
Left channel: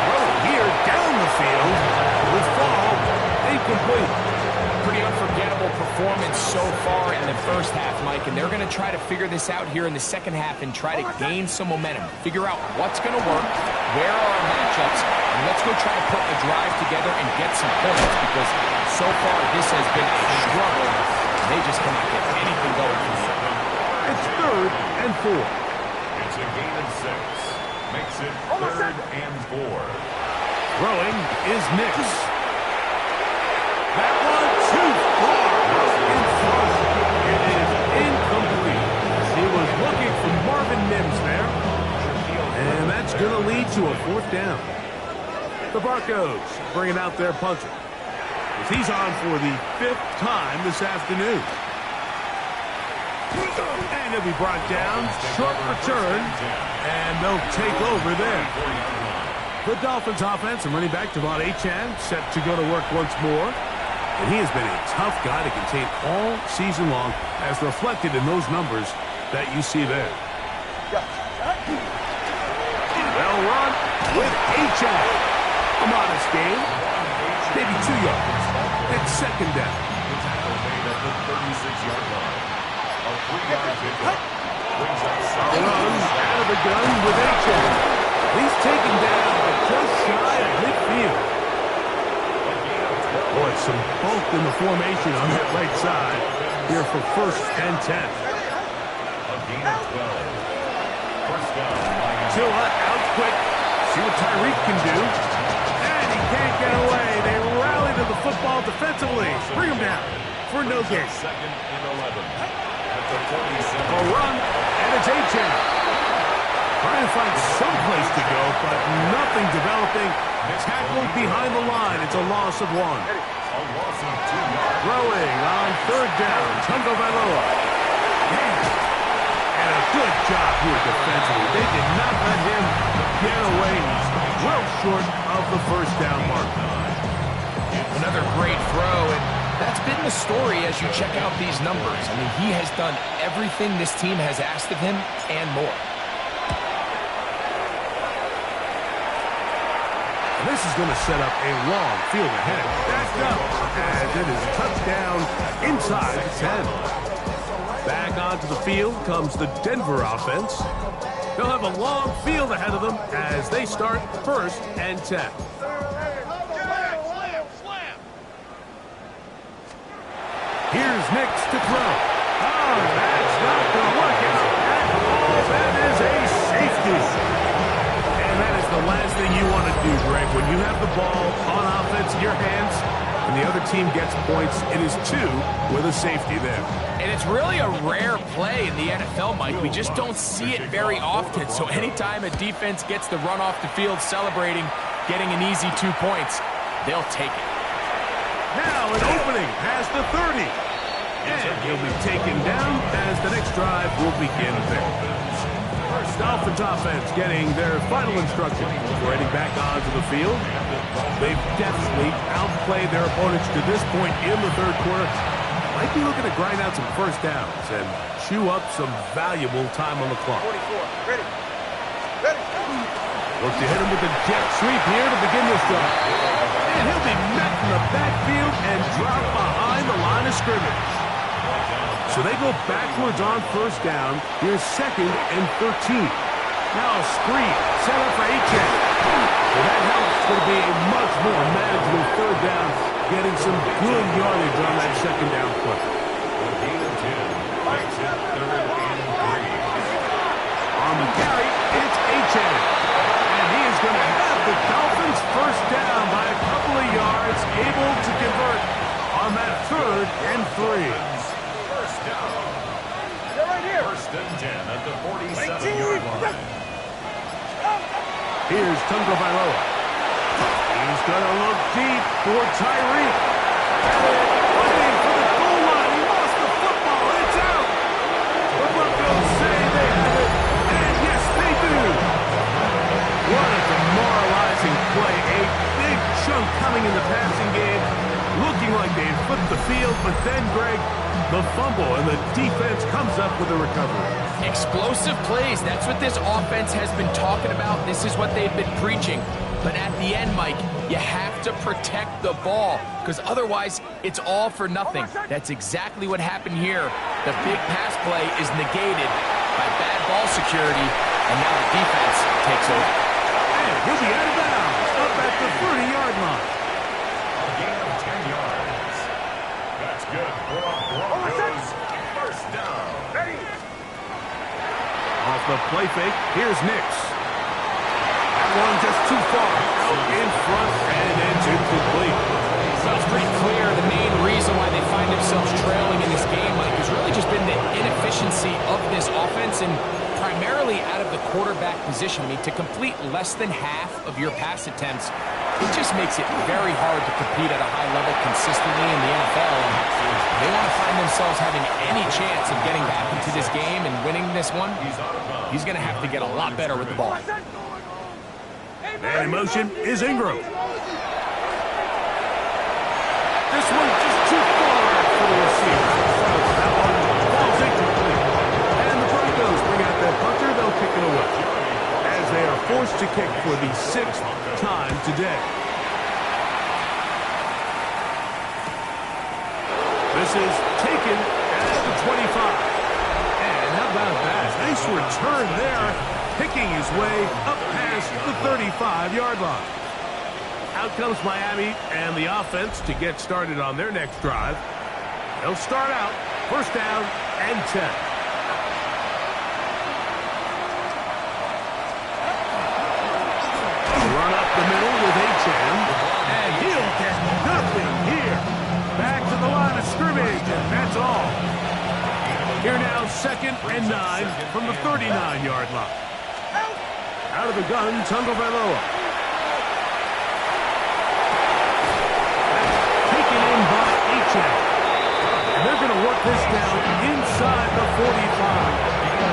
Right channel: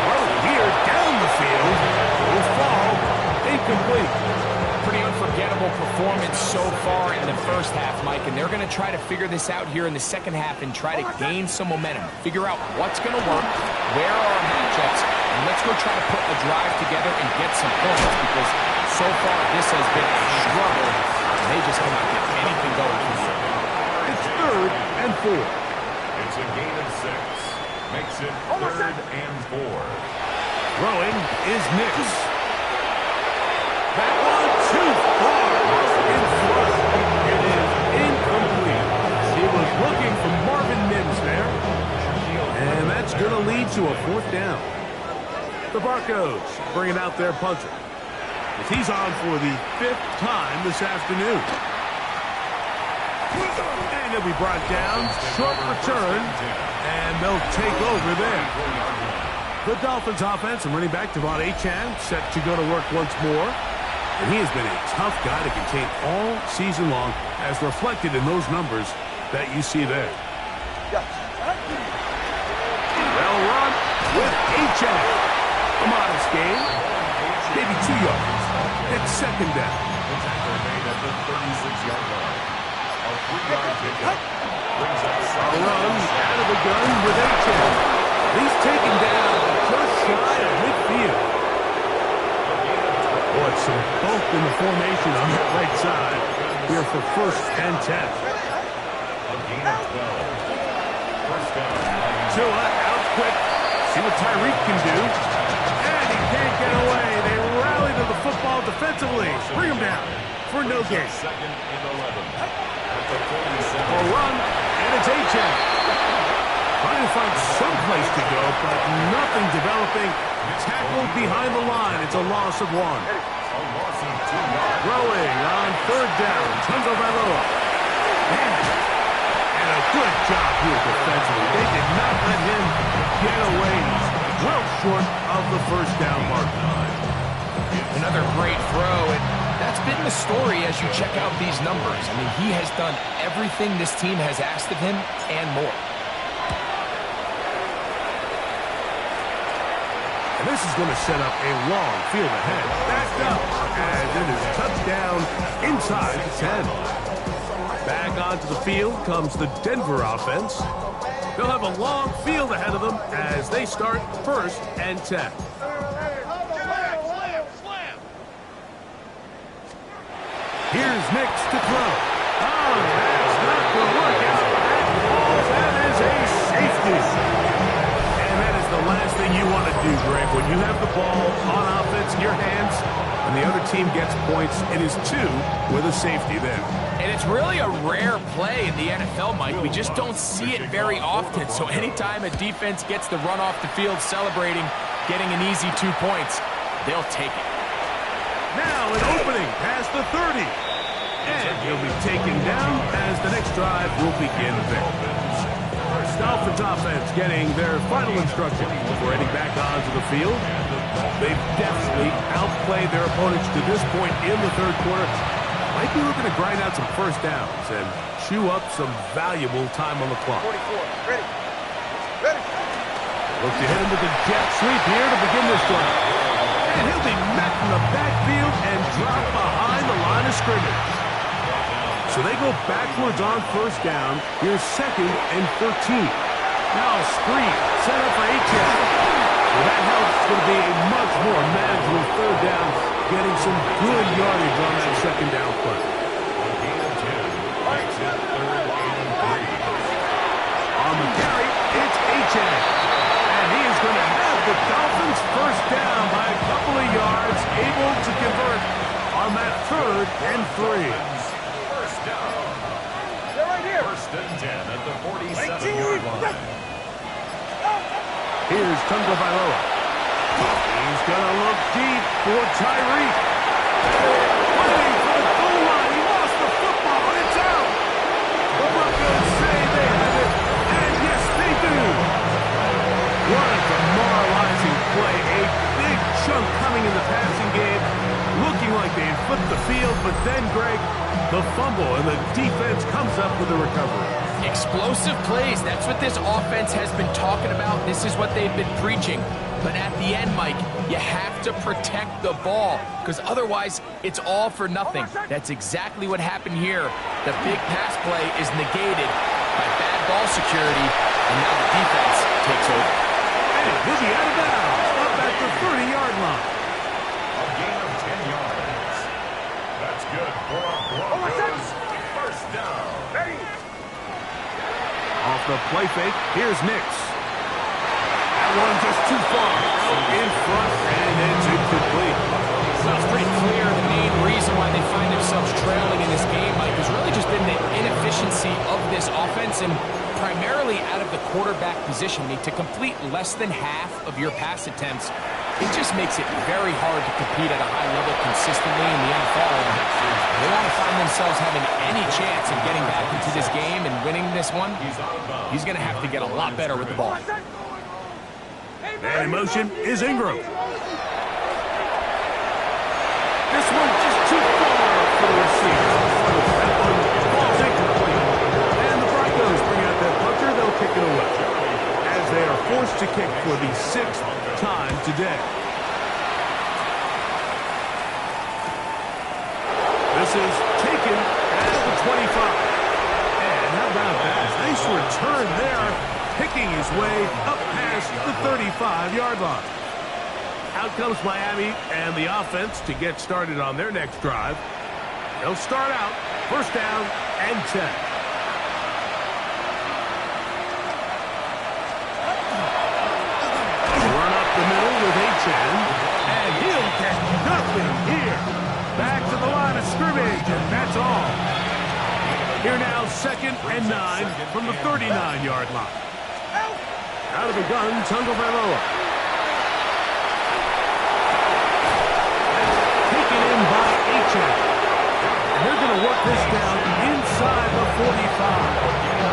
Throw here down the field. Will fall. Incomplete. Pretty unforgettable performance so far in the first half, Mike, and they're going to try to figure this out here in the second half and try to gain some momentum. Figure out what's going to work, where are our matchups, and let's go try to put a drive together and get some points because so far this has been a struggle. They just cannot get anything going from here. It's 3rd and 4. It's a gain of 6. Makes it 3rd and 4. Throwing is Nix. That one too far out in front. It is incomplete. He was looking for Marvin Mims there. And that's going to lead to a 4th down. The Broncos bringing out their punter. As he's on for the 5th time this afternoon. And he'll be brought down. Short return. And they'll take over there. The Dolphins offense and running back Devon Achane set to go to work once more. And he has been a tough guy to contain all season long, as reflected in those numbers that you see there. Well run with Achane. A modest gain. Maybe 2 yards. It's 2nd down. The tackle made at the 36-yard line. A 3-yard pickup brings up A run out of the gun with Achane. He's taken down just shy of midfield. Boy, some bulk in the formation on that right side here for 1st and 10. a gain of 12. 1st down. Tua out quick. See what Tyreek can do. And he can't get away. They rally to the football defensively. Bring him down for no gain. 2nd and 11. At the 47. A run, and it's Achane. Trying to find some place to go, but nothing developing. Tackled behind the line. It's a loss of 1. A loss of 2 yards. Throwing on 3rd down. Tungo Vailoa. And a good job here defensively. They did not let him get away. He's well short of the 1st down mark. Another great throw, and that's been the story as you check out these numbers. I mean, he has done everything this team has asked of him and more. And this is going to set up a long field ahead. Backed up as it is touchdown inside the 10. Back onto the field comes the Denver offense. They'll have a long field ahead of them as they start 1st and 10. Here's Nix to throw. Oh, that's not going to work out at all. That is a safety. And that is the last thing you want to do, Greg. When you have the ball on offense in your hands and the other team gets points, it is 2 with a safety there. And it's really a rare play in the NFL, Mike. We just don't see it very often. So anytime a defense gets the run off the field celebrating, getting an easy 2 points, they'll take it. Now an opening past the 30. And he'll be taken down as the next drive will begin there. Dolphins offense getting their final instructions before heading back onto the field. They've definitely outplayed their opponents to this point in the third quarter. Might be looking to grind out some first downs and chew up some valuable time on the clock. 44. Ready. Ready. Look to hit him with a jet sweep here to begin this drive. And he'll be met in the backfield and drop behind the line of scrimmage. So they go backwards on first down. Here's 2nd and 13. Now a screen set up for H.N. Well, that helps. It's going to be a much more manageable third down, getting some good yardage on that second down play. A gain of 10 makes it 3rd and 3. On the carry, it's H.N. And he is going to have the Dolphins first down by a couple of yards, able to convert on that 3rd and 3. First down. They're right here. 1st and 10 at the 47-yard line. Here's Tagovailoa. He's going to look deep for Tyreek. Fighting for the goal line. He lost the football. It's out. The Broncos say they have it. And yes, they do. What a demoralizing play. A big chunk coming in the passing game. Looking like they flipped the field. But then, Greg, the fumble and the defense comes up with a recovery. Explosive plays. That's what this offense has been talking about. This is what they've been preaching. But at the end, Mike, you have to protect the ball because otherwise it's all for nothing. That's exactly what happened here. The big pass play is negated by bad ball security, and now the defense takes over. And he'll be out of bounds up at the 30-yard line. A gain of 10 yards. That's good for a Broncos first down. Ready. Off the play fake, here's Nix. That one just too far out in front, and it's incomplete. Well, it's pretty clear the main reason why they find themselves trailing in this game, Mike, has really just been the inefficiency of this offense and primarily out of the quarterback position. I mean, to complete less than half of your pass attempts, it just makes it very hard to compete at a high level consistently in the NFL. And they want to find themselves having any chance of getting back into this game and winning this one. He's going to have to get a lot better with the ball. And in motion is Ingram. This one just too far for the receiver. That one falls incomplete. And the Broncos bring out their punter. They'll kick it away as they are forced to kick for the 6th time today. This is taken at the 25. And how about that? Nice return there, picking his way up past the 35-yard line. Out comes Miami and the offense to get started on their next drive. They'll start out first down and 10. Run up the middle with H.N. And he'll get nothing here. Back to the line of scrimmage, and that's all. Here now, 2nd and 9 from the 39-yard line. Out of the gun, Tagovailoa. Taken in by H.N. And they're going to work this down inside the 45.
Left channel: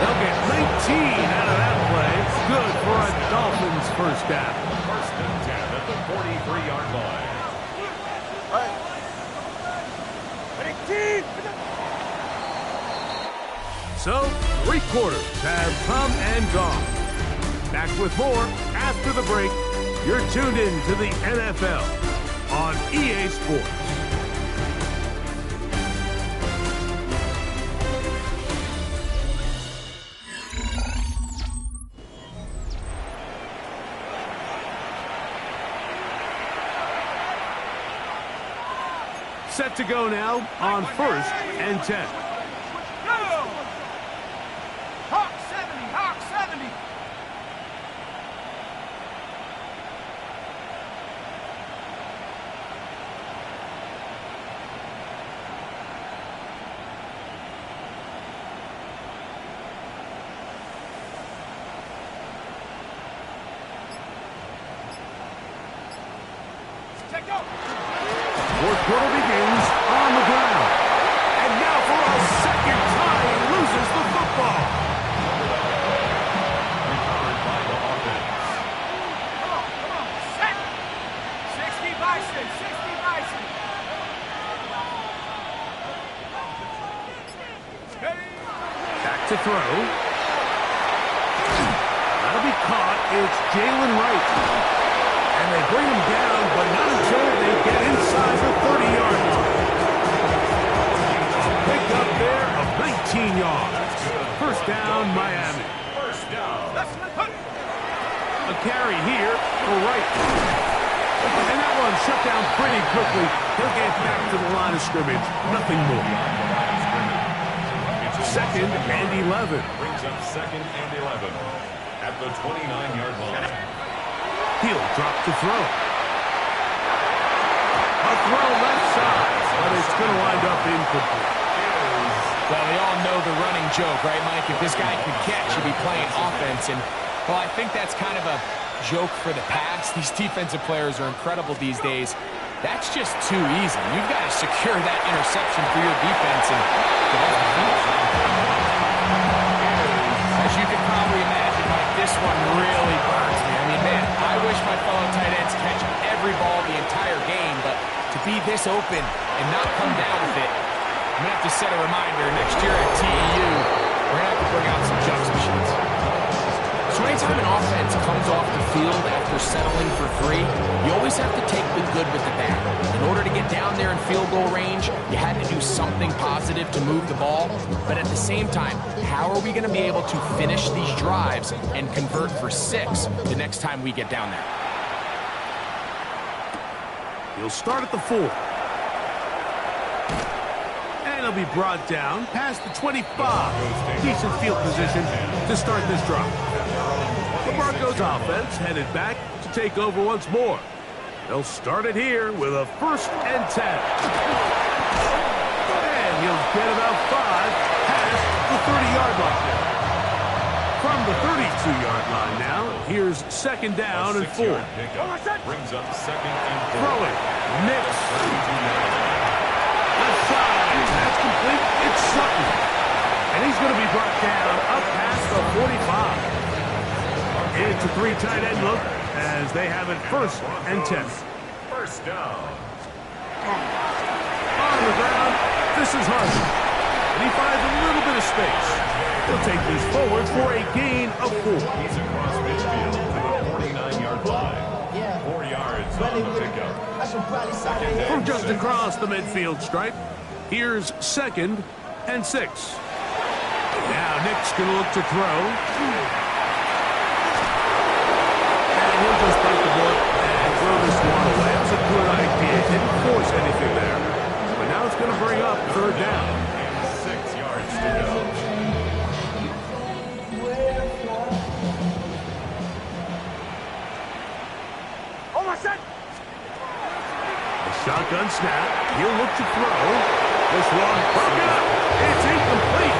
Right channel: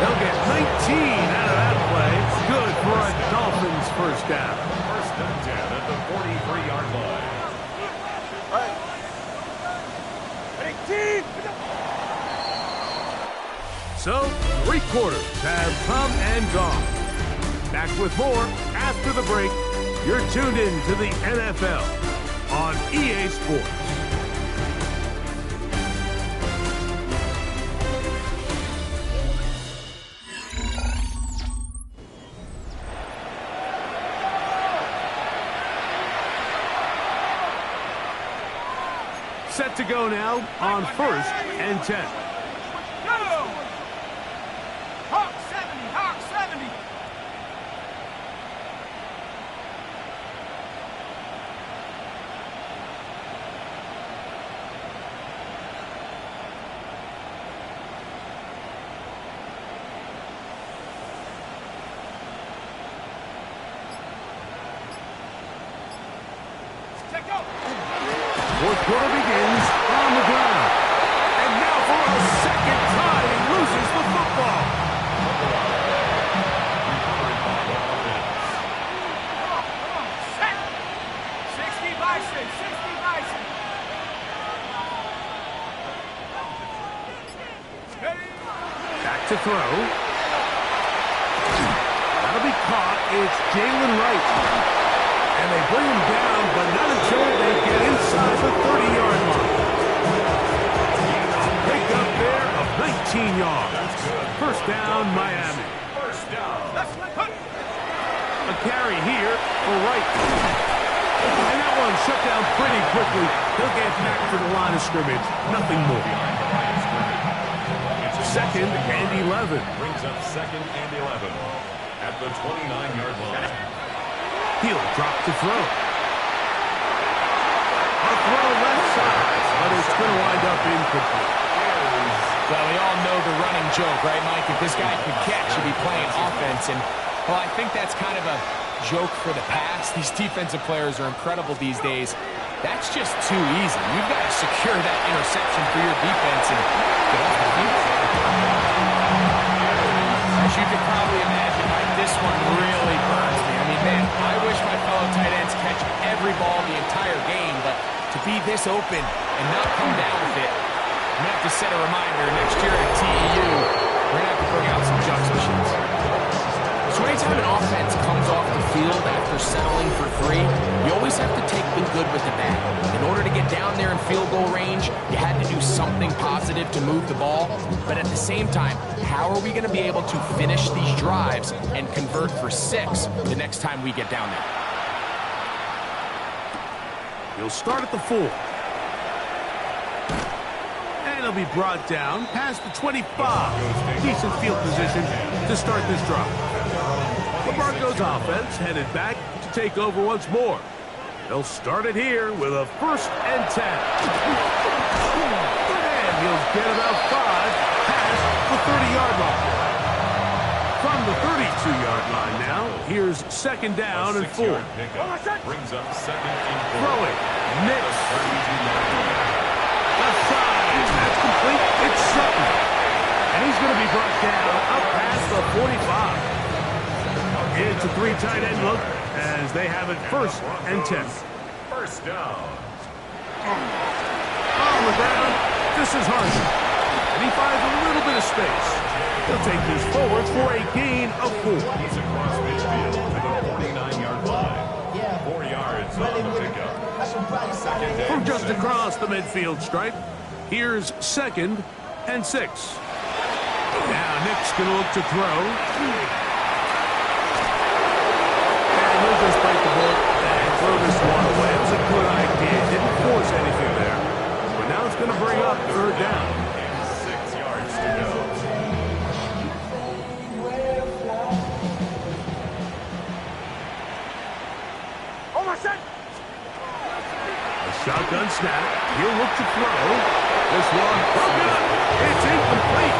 They'll get 19 out of that play. Good for a Dolphins first down. 1st and 10 at the 43-yard line. Ready, team. So, 3 quarters have come and gone. Back with more after the break. You're tuned in to the NFL on EA Sports. Set to go now on 1st and 10. Go! Hawk 70, Hawk 70. Check go. 4th quarter begins on the ground. And now for a second time, he loses the football. to throw. That'll be caught. It's Jalen Wright. And they bring him down, but not until they get inside the 30-yard line. A pick up there of 19 yards. First down, Miami. First down. A carry here for Wright. And that one shut down pretty quickly. He'll get back to the line of scrimmage. Nothing more. Behind the line of scrimmage. It's Second and 11. Brings up second and 11 at the 29-yard line. He'll drop to throw. A throw left side, but it's going to wind up incomplete. Well, we all know the running joke, right, Mike? If this guy could catch, he'd be playing offense. And, well, I think that's kind of a joke for the past. These defensive players are incredible these days. That's just too easy. You've got to secure that interception for your defense and get off the field. As you can probably imagine, Mike, this one really burns me. I mean, man, I wish my fellow tight ends catch every ball the entire game, but to be this open and not come down with it, I'm going to have to set a reminder next year at TEU, we're going to have to bring out some jugs machines. So anytime an offense comes off the field after settling for 3, you always have to take the good with the bad. In order to get down there in field goal range, you had to do something positive to move the ball. But at the same time, how are we going to be able to finish these drives and convert for 6 the next time we get down there? He'll start at the 4. And he'll be brought down past the 25. Decent field position to start this drive. The Broncos offense headed back to take over once more. They'll start it here with a 1st and 10. And he'll get about 5 past the 30-yard line. From the 32-yard line now, here's 2nd down and 4. Brings up second and 4. Throwing. Nix. Left side. That's complete. It's Sutton. And he's going to be brought down up past the 45. It's a 3 tight end look as they have it 1st and 10. First down. On the ground, this is Harden. And he finds a little bit of space. He'll take this forward for a gain of 4. He's across midfield to the 49-yard line. 4 yards on the pickup. From just across the midfield stripe, here's 2nd and 6. Now Nick's going to look to throw. And he'll just bite the bullet and throw this one away. That was a good idea. Didn't force anything there. But now it's going to bring up 3rd down. And 6 yards to go. Shotgun snap. He'll look to throw. This one broken up. It's incomplete.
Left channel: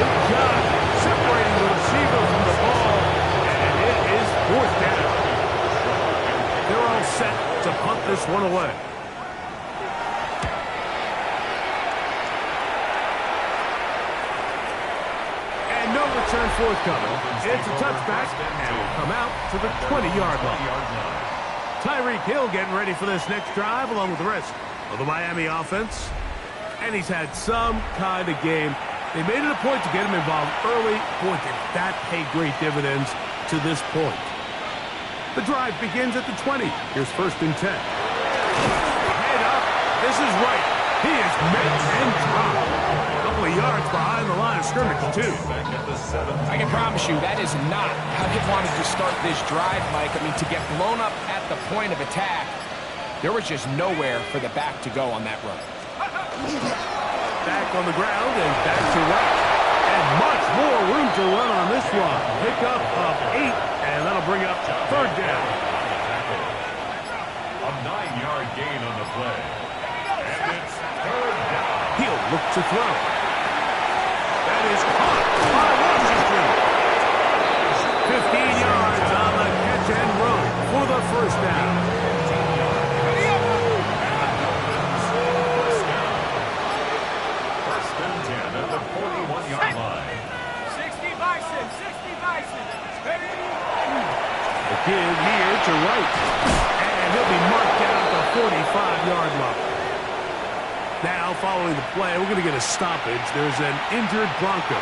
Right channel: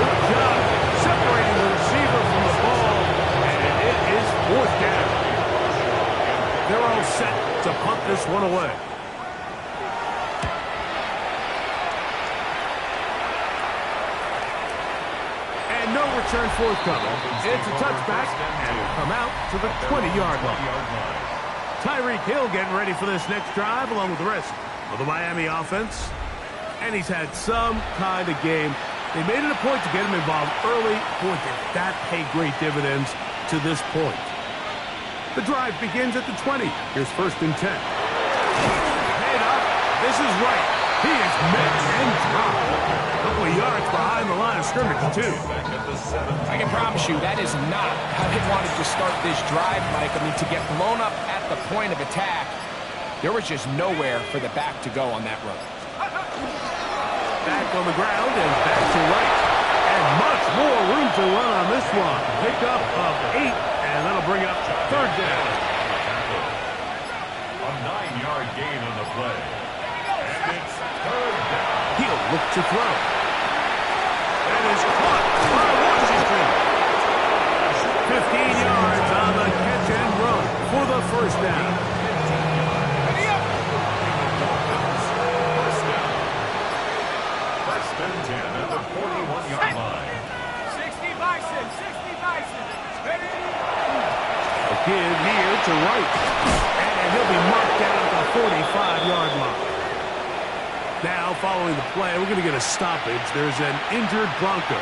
Good job separating the receiver from the ball. And it is 4th down. They're all set to punt this one away. And no return forthcoming. It's a touchback and will come out to the 20-yard line. Tyreek Hill getting ready for this next drive along with the rest of the Miami offense. And he's had some kind of game. They made it a point to get him involved early. Boy, did that pay great dividends to this point. The drive begins at the 20. Here's 1st and 10. Head up. This is right. He is met and dropped. A couple of yards behind the line of scrimmage, too. I can promise you that is not how they wanted to start this drive, Mike. I mean, to get blown up at the point of attack, there was just nowhere for the back to go on that run. Back on the ground and back to right. And much more room to run on this one. Pickup of 8, and that'll bring up 3rd down. A 9-yard gain on the play. And it's 3rd down. He'll look to throw. That is caught by Washington. 15 yards on the catch and run for the 1st down. And the Dolphins, 1st down. 1st and 10 at the 41-yard line. 60 Bison, 60 Bison. Ready? A give here to Wright. And he'll be marked down at the 45-yard line. Now, following the play, we're going to get a stoppage. There's an injured Bronco.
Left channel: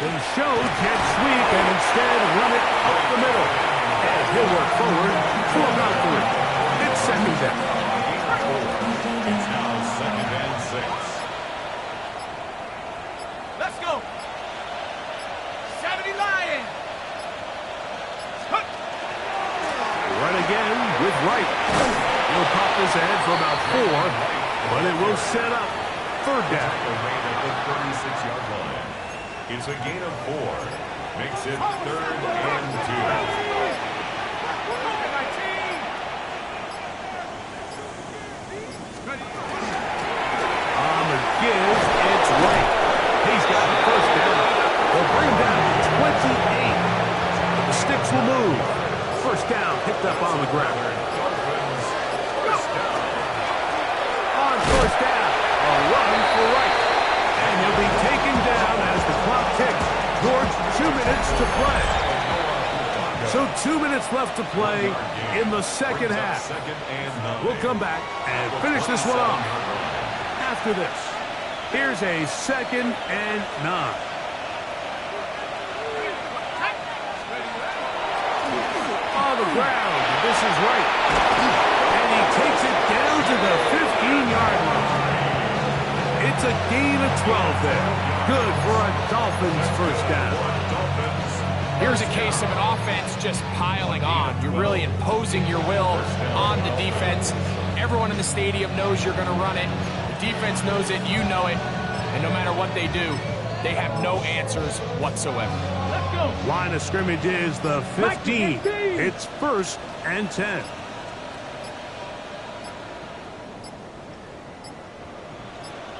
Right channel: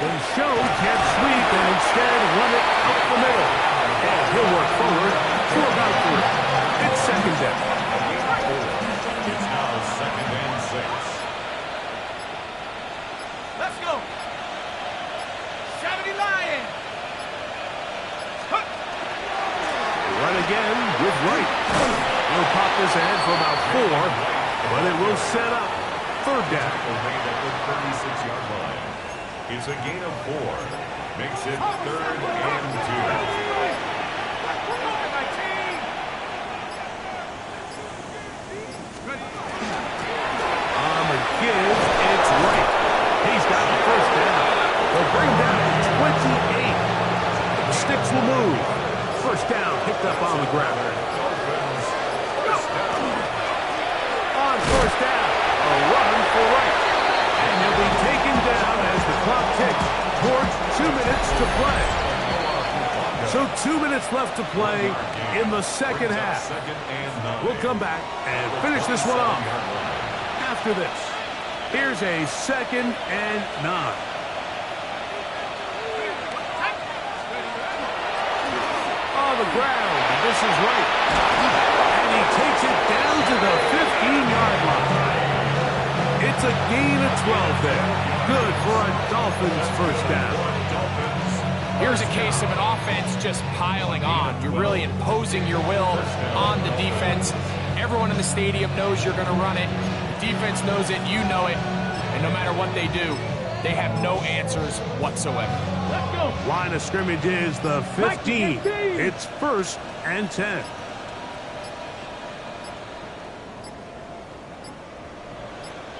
They show jet sweep and instead run it up the middle. And he'll work forward for about 3. It's second down. It's now 2nd and 6. Let's go. 70 Lions. Run again with Wright. He'll pop this ahead for about 4, but it will set up 3rd down. Made at the 36-yard line. It's a gain of 4. Makes it 3rd and 2. On the give, it's Wright. He's got the 1st down. They'll bring down 28. The sticks will move. 1st down picked up on the ground. On 1st down, a run for Wright. And he'll be taken down as the clock ticks towards 2 minutes to play. So 2 minutes left to play in the second half. We'll come back and finish this one off after this. Here's a 2nd and 9. On the ground, this is Wright. And he takes it down to the 15-yard line. It's a gain of 12 there. Good for a Dolphins 1st down. Here's a case of an offense just piling on. You're really imposing your will on the defense. Everyone in the stadium knows you're going to run it. The defense knows it, you know it. And no matter what they do, they have no answers whatsoever. Let's go. Line of scrimmage is the 15. It's 1st and 10.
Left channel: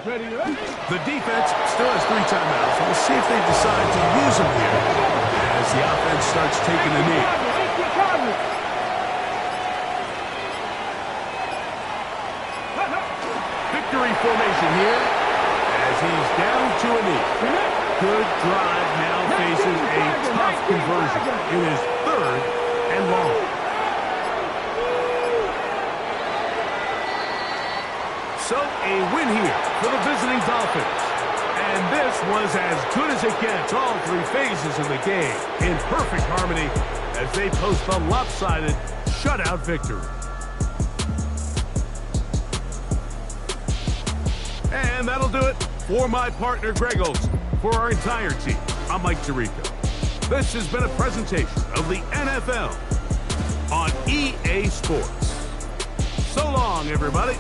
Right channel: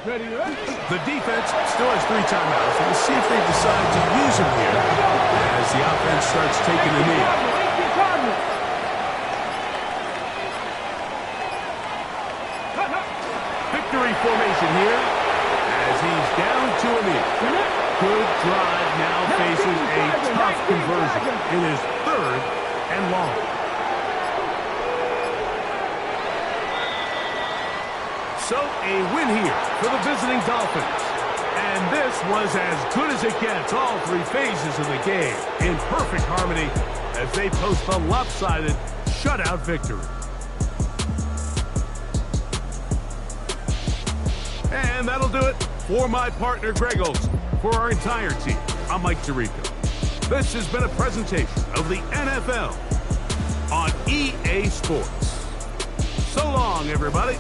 Ready. The defense still has 3 timeouts. We'll see if they decide to use them here as the offense starts taking a knee. Victory formation here as he's down to a knee. Good drive now faces a tough conversion. It is 3rd and long. So a win here for the visiting Dolphins. And this was as good as it gets, all 3 phases of the game in perfect harmony as they post the lopsided shutout victory. And that'll do it for my partner Greg Olson. For our entire team, I'm Mike Tirico. This has been a presentation of the NFL on EA Sports. So long, everybody.